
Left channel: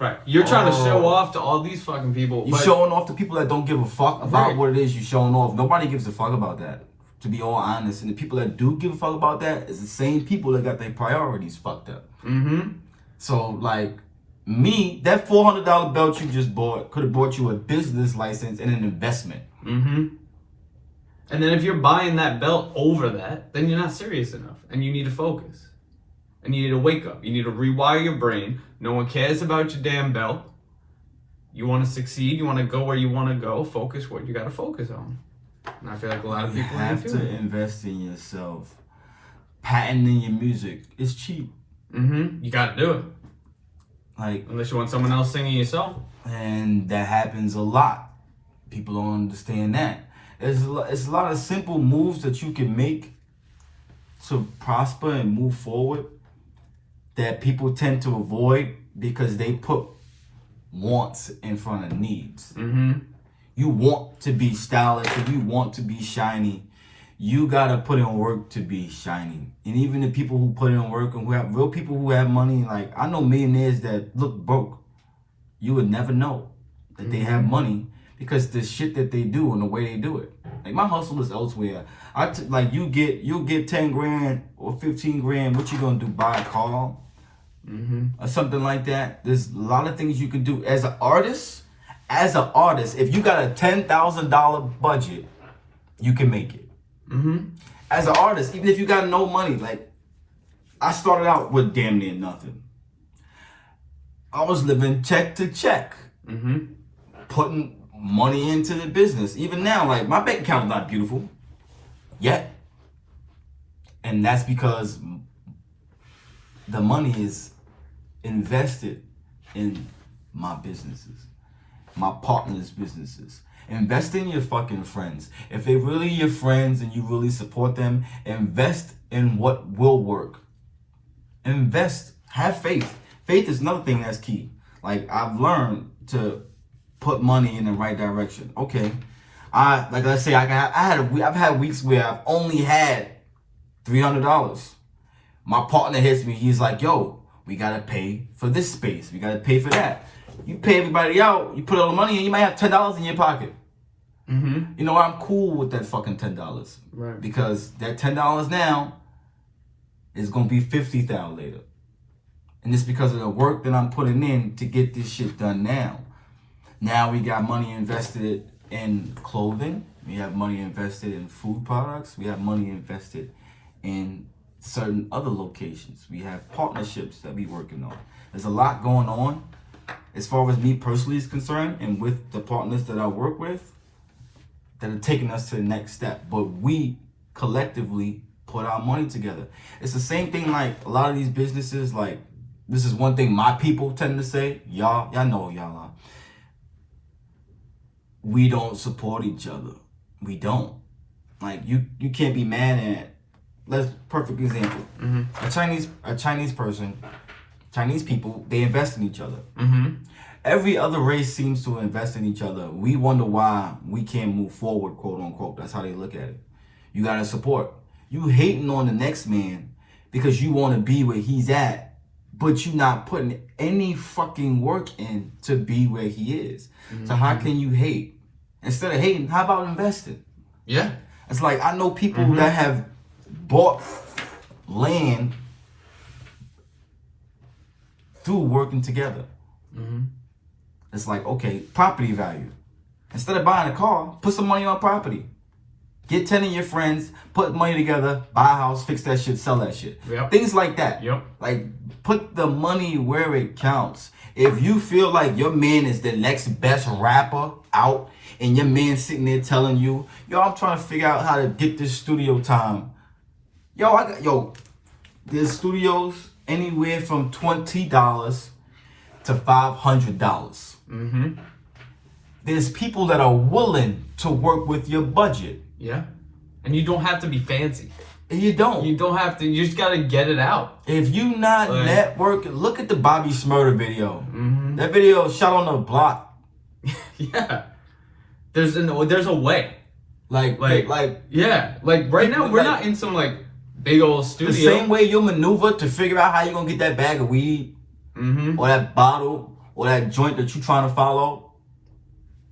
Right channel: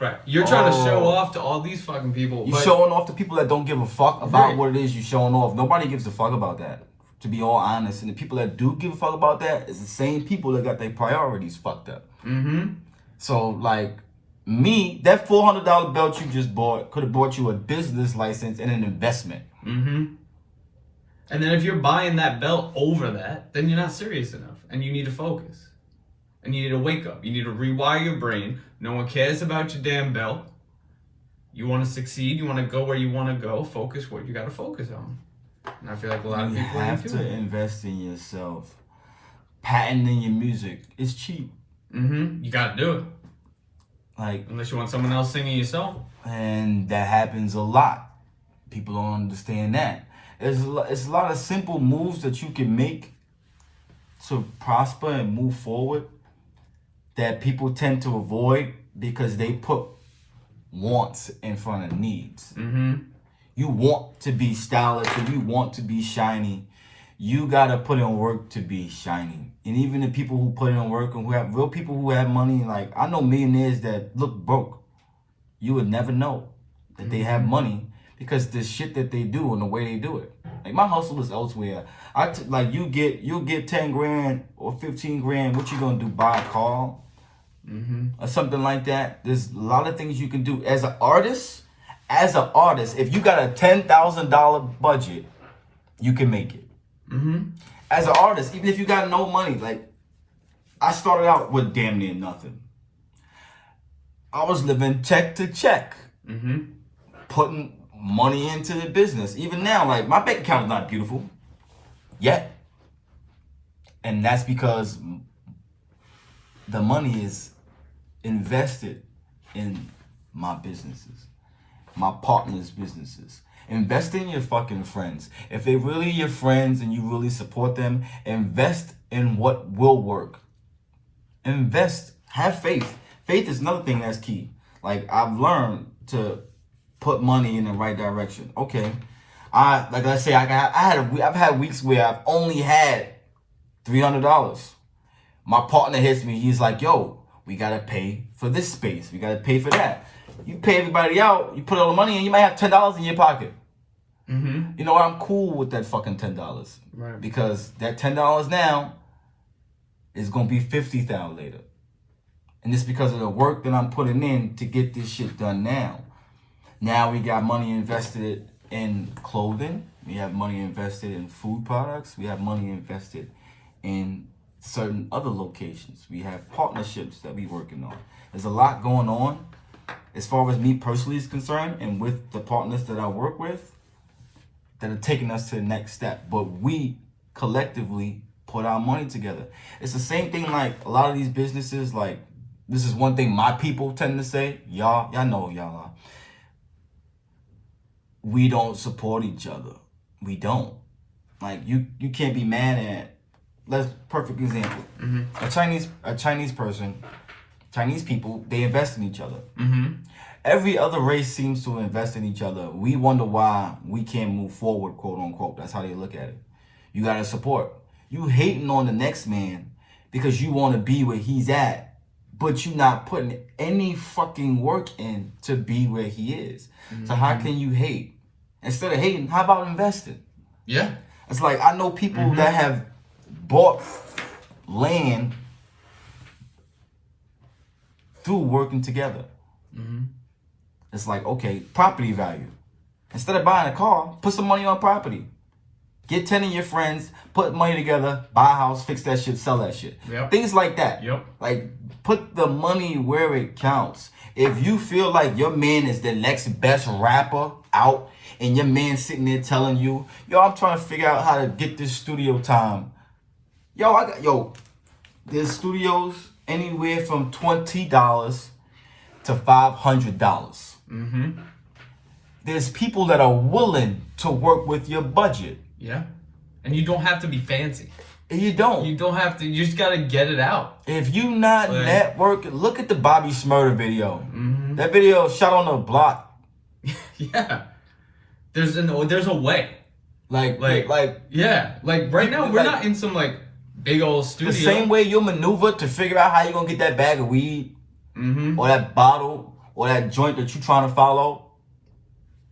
Right. You're trying to show off to all these fucking people. You're showing off to people that don't give a fuck about what it is you're showing off. Nobody gives a fuck about that. To be all honest, and the people that do give a fuck about that is the same people that got their priorities fucked up. Mm-hmm. So, like, that $400 belt you just bought could have brought you a business license and an investment. Mm-hmm. And then if you're buying that belt over that, then you're not serious enough, and you need to focus, and you need to wake up. You need to rewire your brain. No one cares about your damn belt. You want to succeed. You want to go where you want to go. Focus what you got to focus on. And I feel like a lot of You people have ain't to doing it. invest in yourself. Patenting your music is cheap. You got to do it. Like, Unless you want someone else singing your song. and that happens a lot. People don't understand that. It's a lot of simple moves that you can make to prosper and move forward that people tend to avoid because they put wants in front of needs. You want to be stylish, or you want to be shiny. You gotta put in work to be shiny. And even the people who put in work and who have real people who have money, like I know millionaires that look broke. You would never know that they have money because the shit that they do and the way they do it. Like my hustle is elsewhere. Like you'll get 10 grand or 15 grand. What you gonna do? Buy a car or something like that? There's a lot of things you can do as an artist. As an artist, if you got a $10,000 budget, you can make it. As an artist, even if you got no money, like I started out with damn near nothing. I was living check to check, putting money into the business. Even now, like my bank account is not beautiful yet, and that's because the money is invested in my businesses, my partners' businesses. Invest in your fucking friends. If they're really your friends and you really support them, invest in what will work. Invest. Have faith. Faith is another thing that's key. Like I've learned to put money in the right direction. Okay, I've had weeks where I've only had $300. My partner hits me. He's like, "Yo, we gotta pay for this space. We gotta pay for that." You pay everybody out. You put all the money in. You might have $10 in your pocket. You know, I'm cool with that fucking $10, Right? because that $10 now is gonna be $50,000 later. And it's because of the work that I'm putting in to get this shit done now. Now we got money invested in clothing. We have money invested in food products. We have money invested in certain other locations. We have partnerships that we working on. There's a lot going on as far as me personally is concerned, and with the partners that I work with that are taking us to the next step. But we collectively put our money together. It's the same thing like a lot of these businesses, like this is one thing my people tend to say, y'all know y'all are. We don't support each other. We don't. Like you can't be mad at. Let's perfect example. A Chinese person, Chinese people, they invest in each other. Every other race seems to invest in each other. We wonder why we can't move forward, quote unquote. That's how they look at it. You gotta support. You hating on the next man because you want to be where he's at, but you not putting any fucking work in to be where he is. So how can you hate? Instead of hating, how about investing? Yeah. It's like I know people that have bought land through working together. It's like, okay, property value. Instead of buying a car, put some money on property. Get 10 of your friends, put money together, buy a house, fix that shit, sell that shit. Yep. Things like that. Yep. Like, put the money where it counts. If you feel like your man is the next best rapper out, and your man sitting there telling you, yo, I'm trying to figure out how to get this studio time. There's studios anywhere from $20 to $500. There's people that are willing to work with your budget. Yeah. And you don't have to be fancy. You don't. You don't have to. You just gotta get it out. If you not networking, look at the Bobby Shmurda video. That video shot on the block. Yeah. There's a way. Like yeah. Like right now we're not in some like big old studio. The same way you maneuver to figure out how you're gonna get that bag of weed, or that bottle, or that joint that you're trying to follow.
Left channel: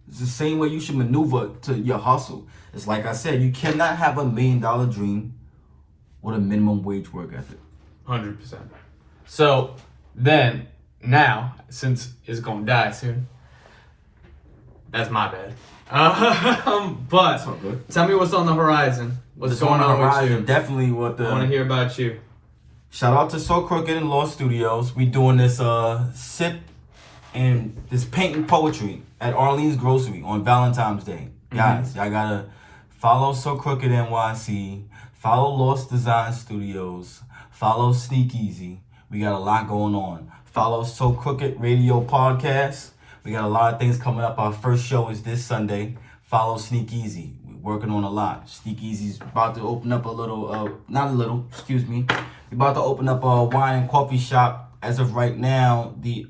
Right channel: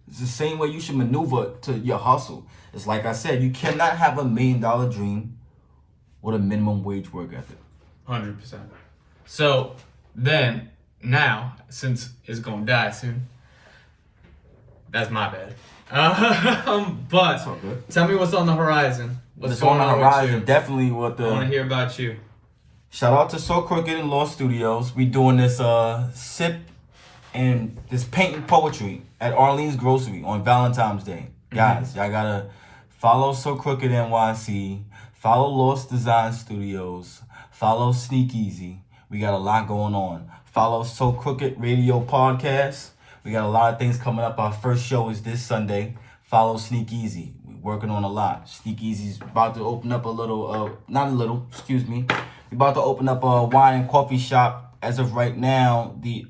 It's the same way you should maneuver to your hustle. It's like I said, you cannot have $1 million dream with a minimum wage work ethic. 100%. So then, now, since it's gonna die soon, that's my bad. But tell me what's on the horizon. What's going on with you? Definitely what I want to hear about you. Shout out to So Crooked and Law Studios. We doing this sip and this painting poetry at Arlene's Grocery on Valentine's Day. Guys, y'all gotta follow So Crooked NYC, follow Lost Design Studios, follow Sneak Easy. We got a lot going on. Follow So Crooked Radio Podcast. We got a lot of things coming up. Our first show is this Sunday. Follow Sneak Easy. We're working on a lot. Sneak Easy's about to open up we're about to open up a wine and coffee shop. As of right now, the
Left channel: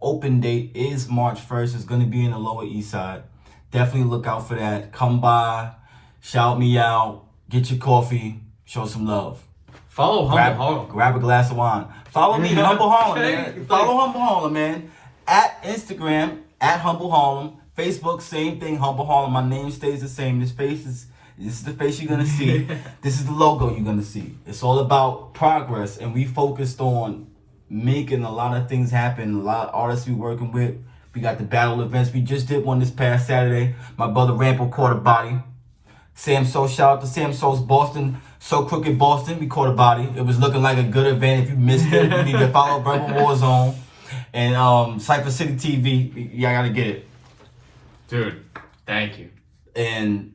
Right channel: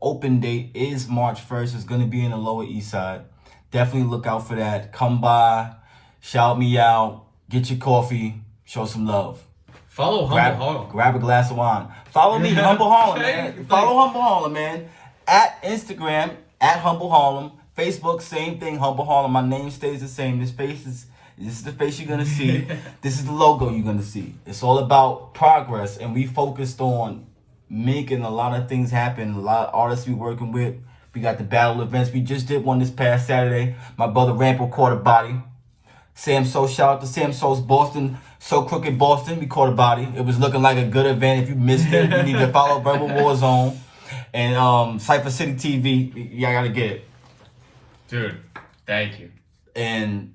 open date is March 1st. It's going to be in the Lower East Side. Definitely look out for that. Come by, shout me out, get your coffee, show some love. Follow HumbleHarlem. Grab a glass of wine. Follow me, HumbleHarlem, Okay. man. Follow HumbleHarlem, man. At Instagram, at HumbleHarlem. Facebook, same thing, HumbleHarlem. My name stays the same. This is the face you're gonna see. This is the logo you're gonna see. It's all about progress, and we focused on making a lot of things happen. A lot of artists we working with. We got the battle events. We just did one this past Saturday. My brother Rampo caught a body. Sam So, shout out to Sam So's Boston, So Crooked Boston. We caught a body. It was looking like a good event. If you missed it, you need to follow Verbal Warzone and Cypher City TV. Y'all gotta get it. Dude, thank you. And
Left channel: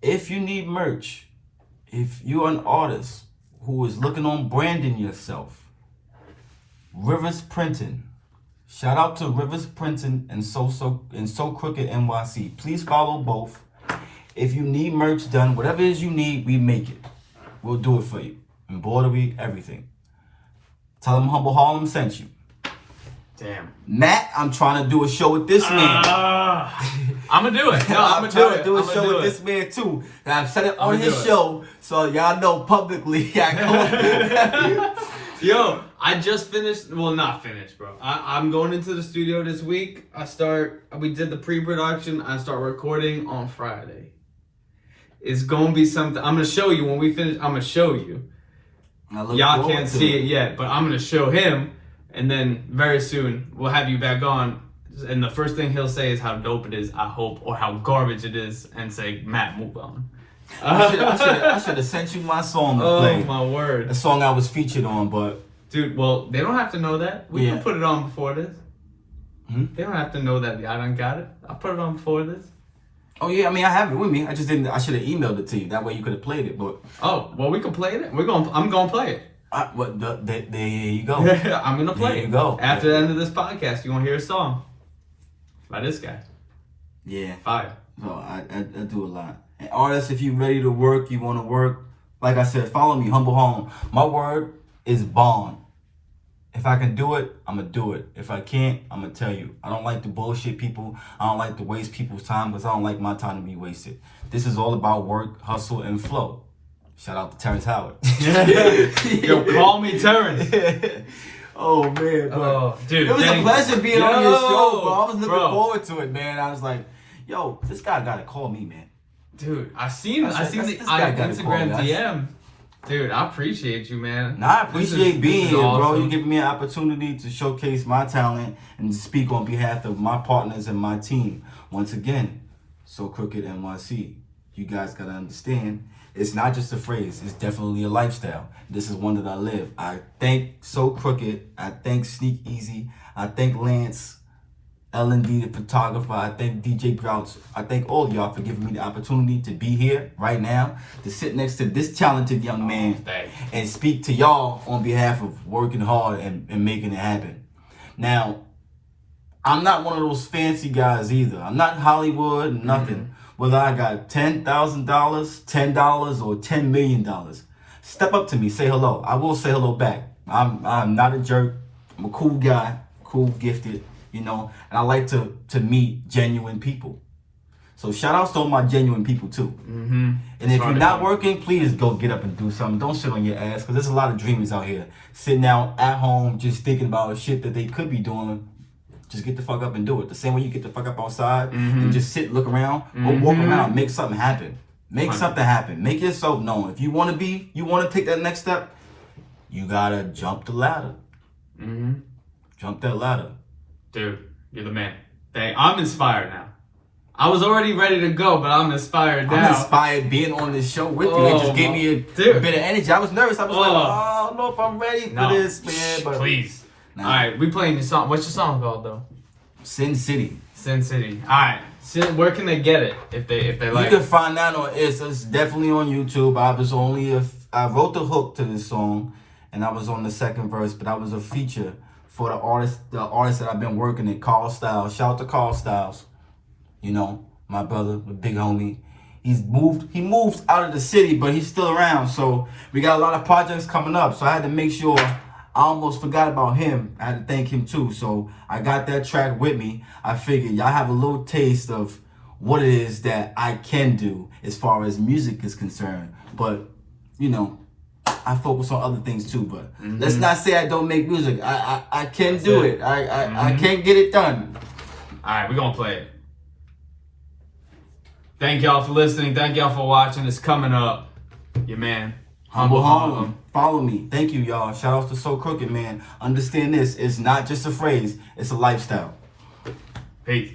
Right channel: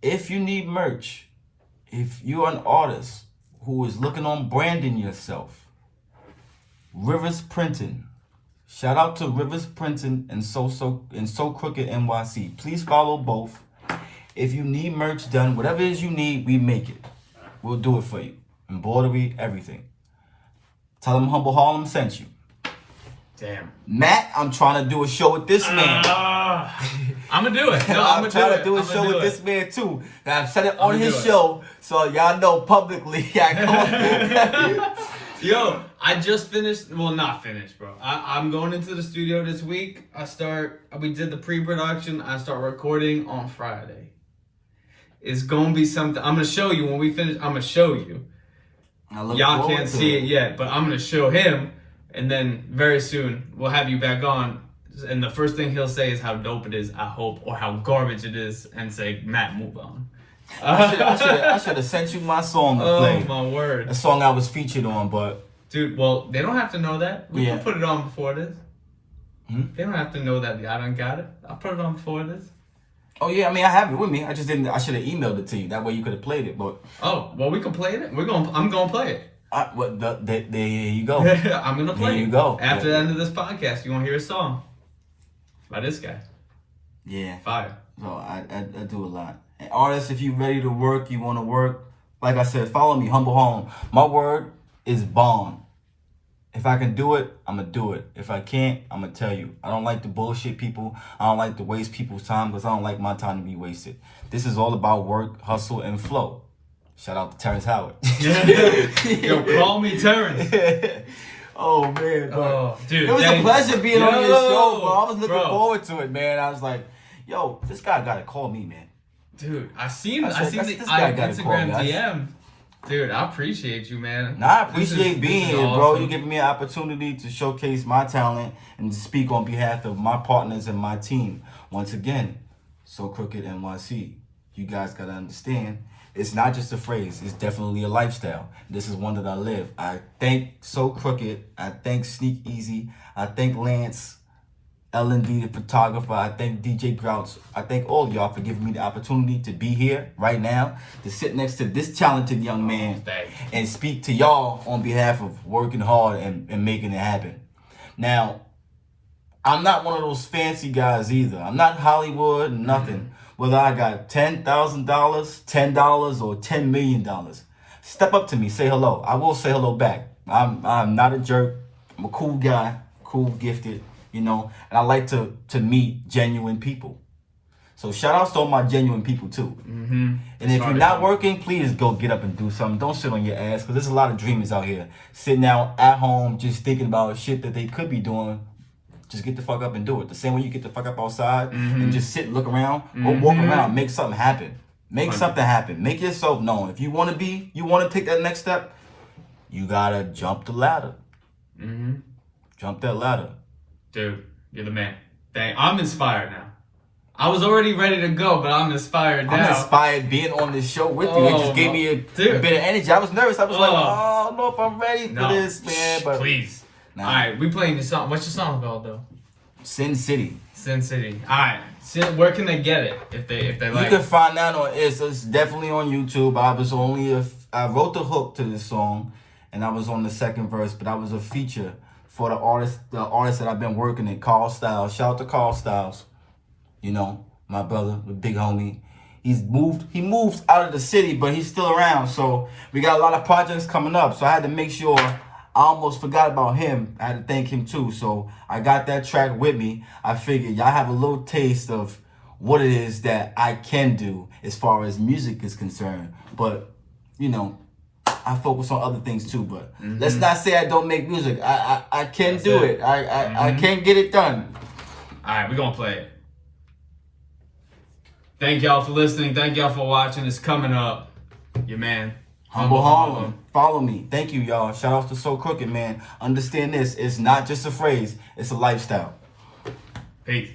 if you need merch, if you're an artist who is looking on branding yourself, Rivers Printing. Shout out to Rivers Printing and So Crooked NYC. Please follow both. If you need merch done, whatever it is you need, we make it. We'll do it for you. Embroidery, everything. Tell them HumbleHarlem sent you. Damn. Matt, I'm trying to do a show with this man. I'm gonna do it. No, I'm trying to do a show with this man too. And I've said it on his show, so y'all know publicly. Yo, I just finished. Well, not finished, bro. I'm going into the studio this week. We did the pre-production. I start recording on Friday. It's gonna be something. I'm gonna show you when we finish. I'm gonna show you. Y'all can't see it yet, but I'm gonna show him. And then very soon we'll have you back on, and the first thing he'll say is how dope it is, I hope, or how garbage it is, and say, Matt, move on. I should have sent you my song to play. Oh my word! A song I was featured on, but dude, well, they don't have to know that. We can put it on before this. They don't have to know that I done got it. I'll put it on before this. Oh yeah, I mean I have it with me. I just didn't. I should have emailed it to you. That way you could have played it. But oh well, we can play it. I'm gonna play it. There you go. I'm gonna play it. There you go. After the end of this podcast, you're gonna hear a song by this guy. Yeah. Fire. So I do a lot. And artists, if you're ready to work, you want to work. Like I said, follow me, HumbleHarlem. My word is bond. If I can do it, I'm gonna do it. If I can't, I'm gonna tell you. I don't like to bullshit people. I don't like to waste people's time because I don't like my time to be wasted. This is all about work, hustle, and flow. Shout out to Terrence Howard. Yo, call me Terrence. Oh, man. Oh, dude. It was a pleasure being on your show, bro. I was looking forward to it, man. I was like, yo, this guy got to call me, man. Dude, I seen the Instagram DM. Dude, I appreciate you, man. Nah, I appreciate being here, awesome. bro. You giving me an opportunity to showcase my talent and to speak on behalf of my partners and my team. Once again, So Crooked NYC. You guys got to understand. It's not just a phrase. It's definitely a lifestyle. This is one that I live. I thank So Crooked. I thank Sneak Easy. I thank Lance, L&D, the photographer. I thank DJ Grouch. I thank all y'all for giving me the opportunity to be here right now, to sit next to this talented young man and speak to y'all on behalf of working hard and making it happen. Now, I'm not one of those fancy guys either. I'm not Hollywood, nothing. Whether I got $10,000, $10, or $10 million. Step up to me, say hello. I will say hello back. I'm not a jerk. I'm a cool guy, cool, gifted, and I like to meet genuine people. So shout out to all my genuine people too. And if you're not working, please go get up and do something. Don't sit on your ass, because there's a lot of dreamers out here sitting out at home just thinking about shit that they could be doing. Just get the fuck up and do it. The same way you get the fuck up outside and just sit, look around, or walk around, make something happen. Make something happen. Make yourself known. If you want to take that next step, you gotta jump the ladder. Jump that ladder. Dude, you're the man. I'm inspired now. I was already ready to go, but I'm inspired now. I'm inspired being on this show with you. It just gave me a bit of energy. I was nervous. I was like, I don't know if I'm ready for this, man. But please. Nah. All right, we playing the song. What's your song called though? Sin City. Sin City. All right. Where can they get it if they like? You can find that on it's definitely on YouTube. I wrote the hook to this song, and I was on the second verse, but I was a feature for the artist that I've been working with, Carl Styles. Shout out to Carl Styles. You know, my brother, the big homie. He moved out of the city, but he's still around. So we got a lot of projects coming up. So I had to make sure. I almost forgot about him. I had to thank him too. So I got that track with me. I figured y'all have a little taste of what it is that I can do as far as music is concerned. But, you know, I focus on other things too. But let's not say I don't make music. I can do it. I can get it done. All right, we're going to play it. Thank y'all for listening. Thank y'all for watching. It's coming up. Your man, HumbleHarlem. Follow me. Thank you, y'all. Shout out to So Crooked, man. Understand this. It's not just a phrase. It's a lifestyle. Peace.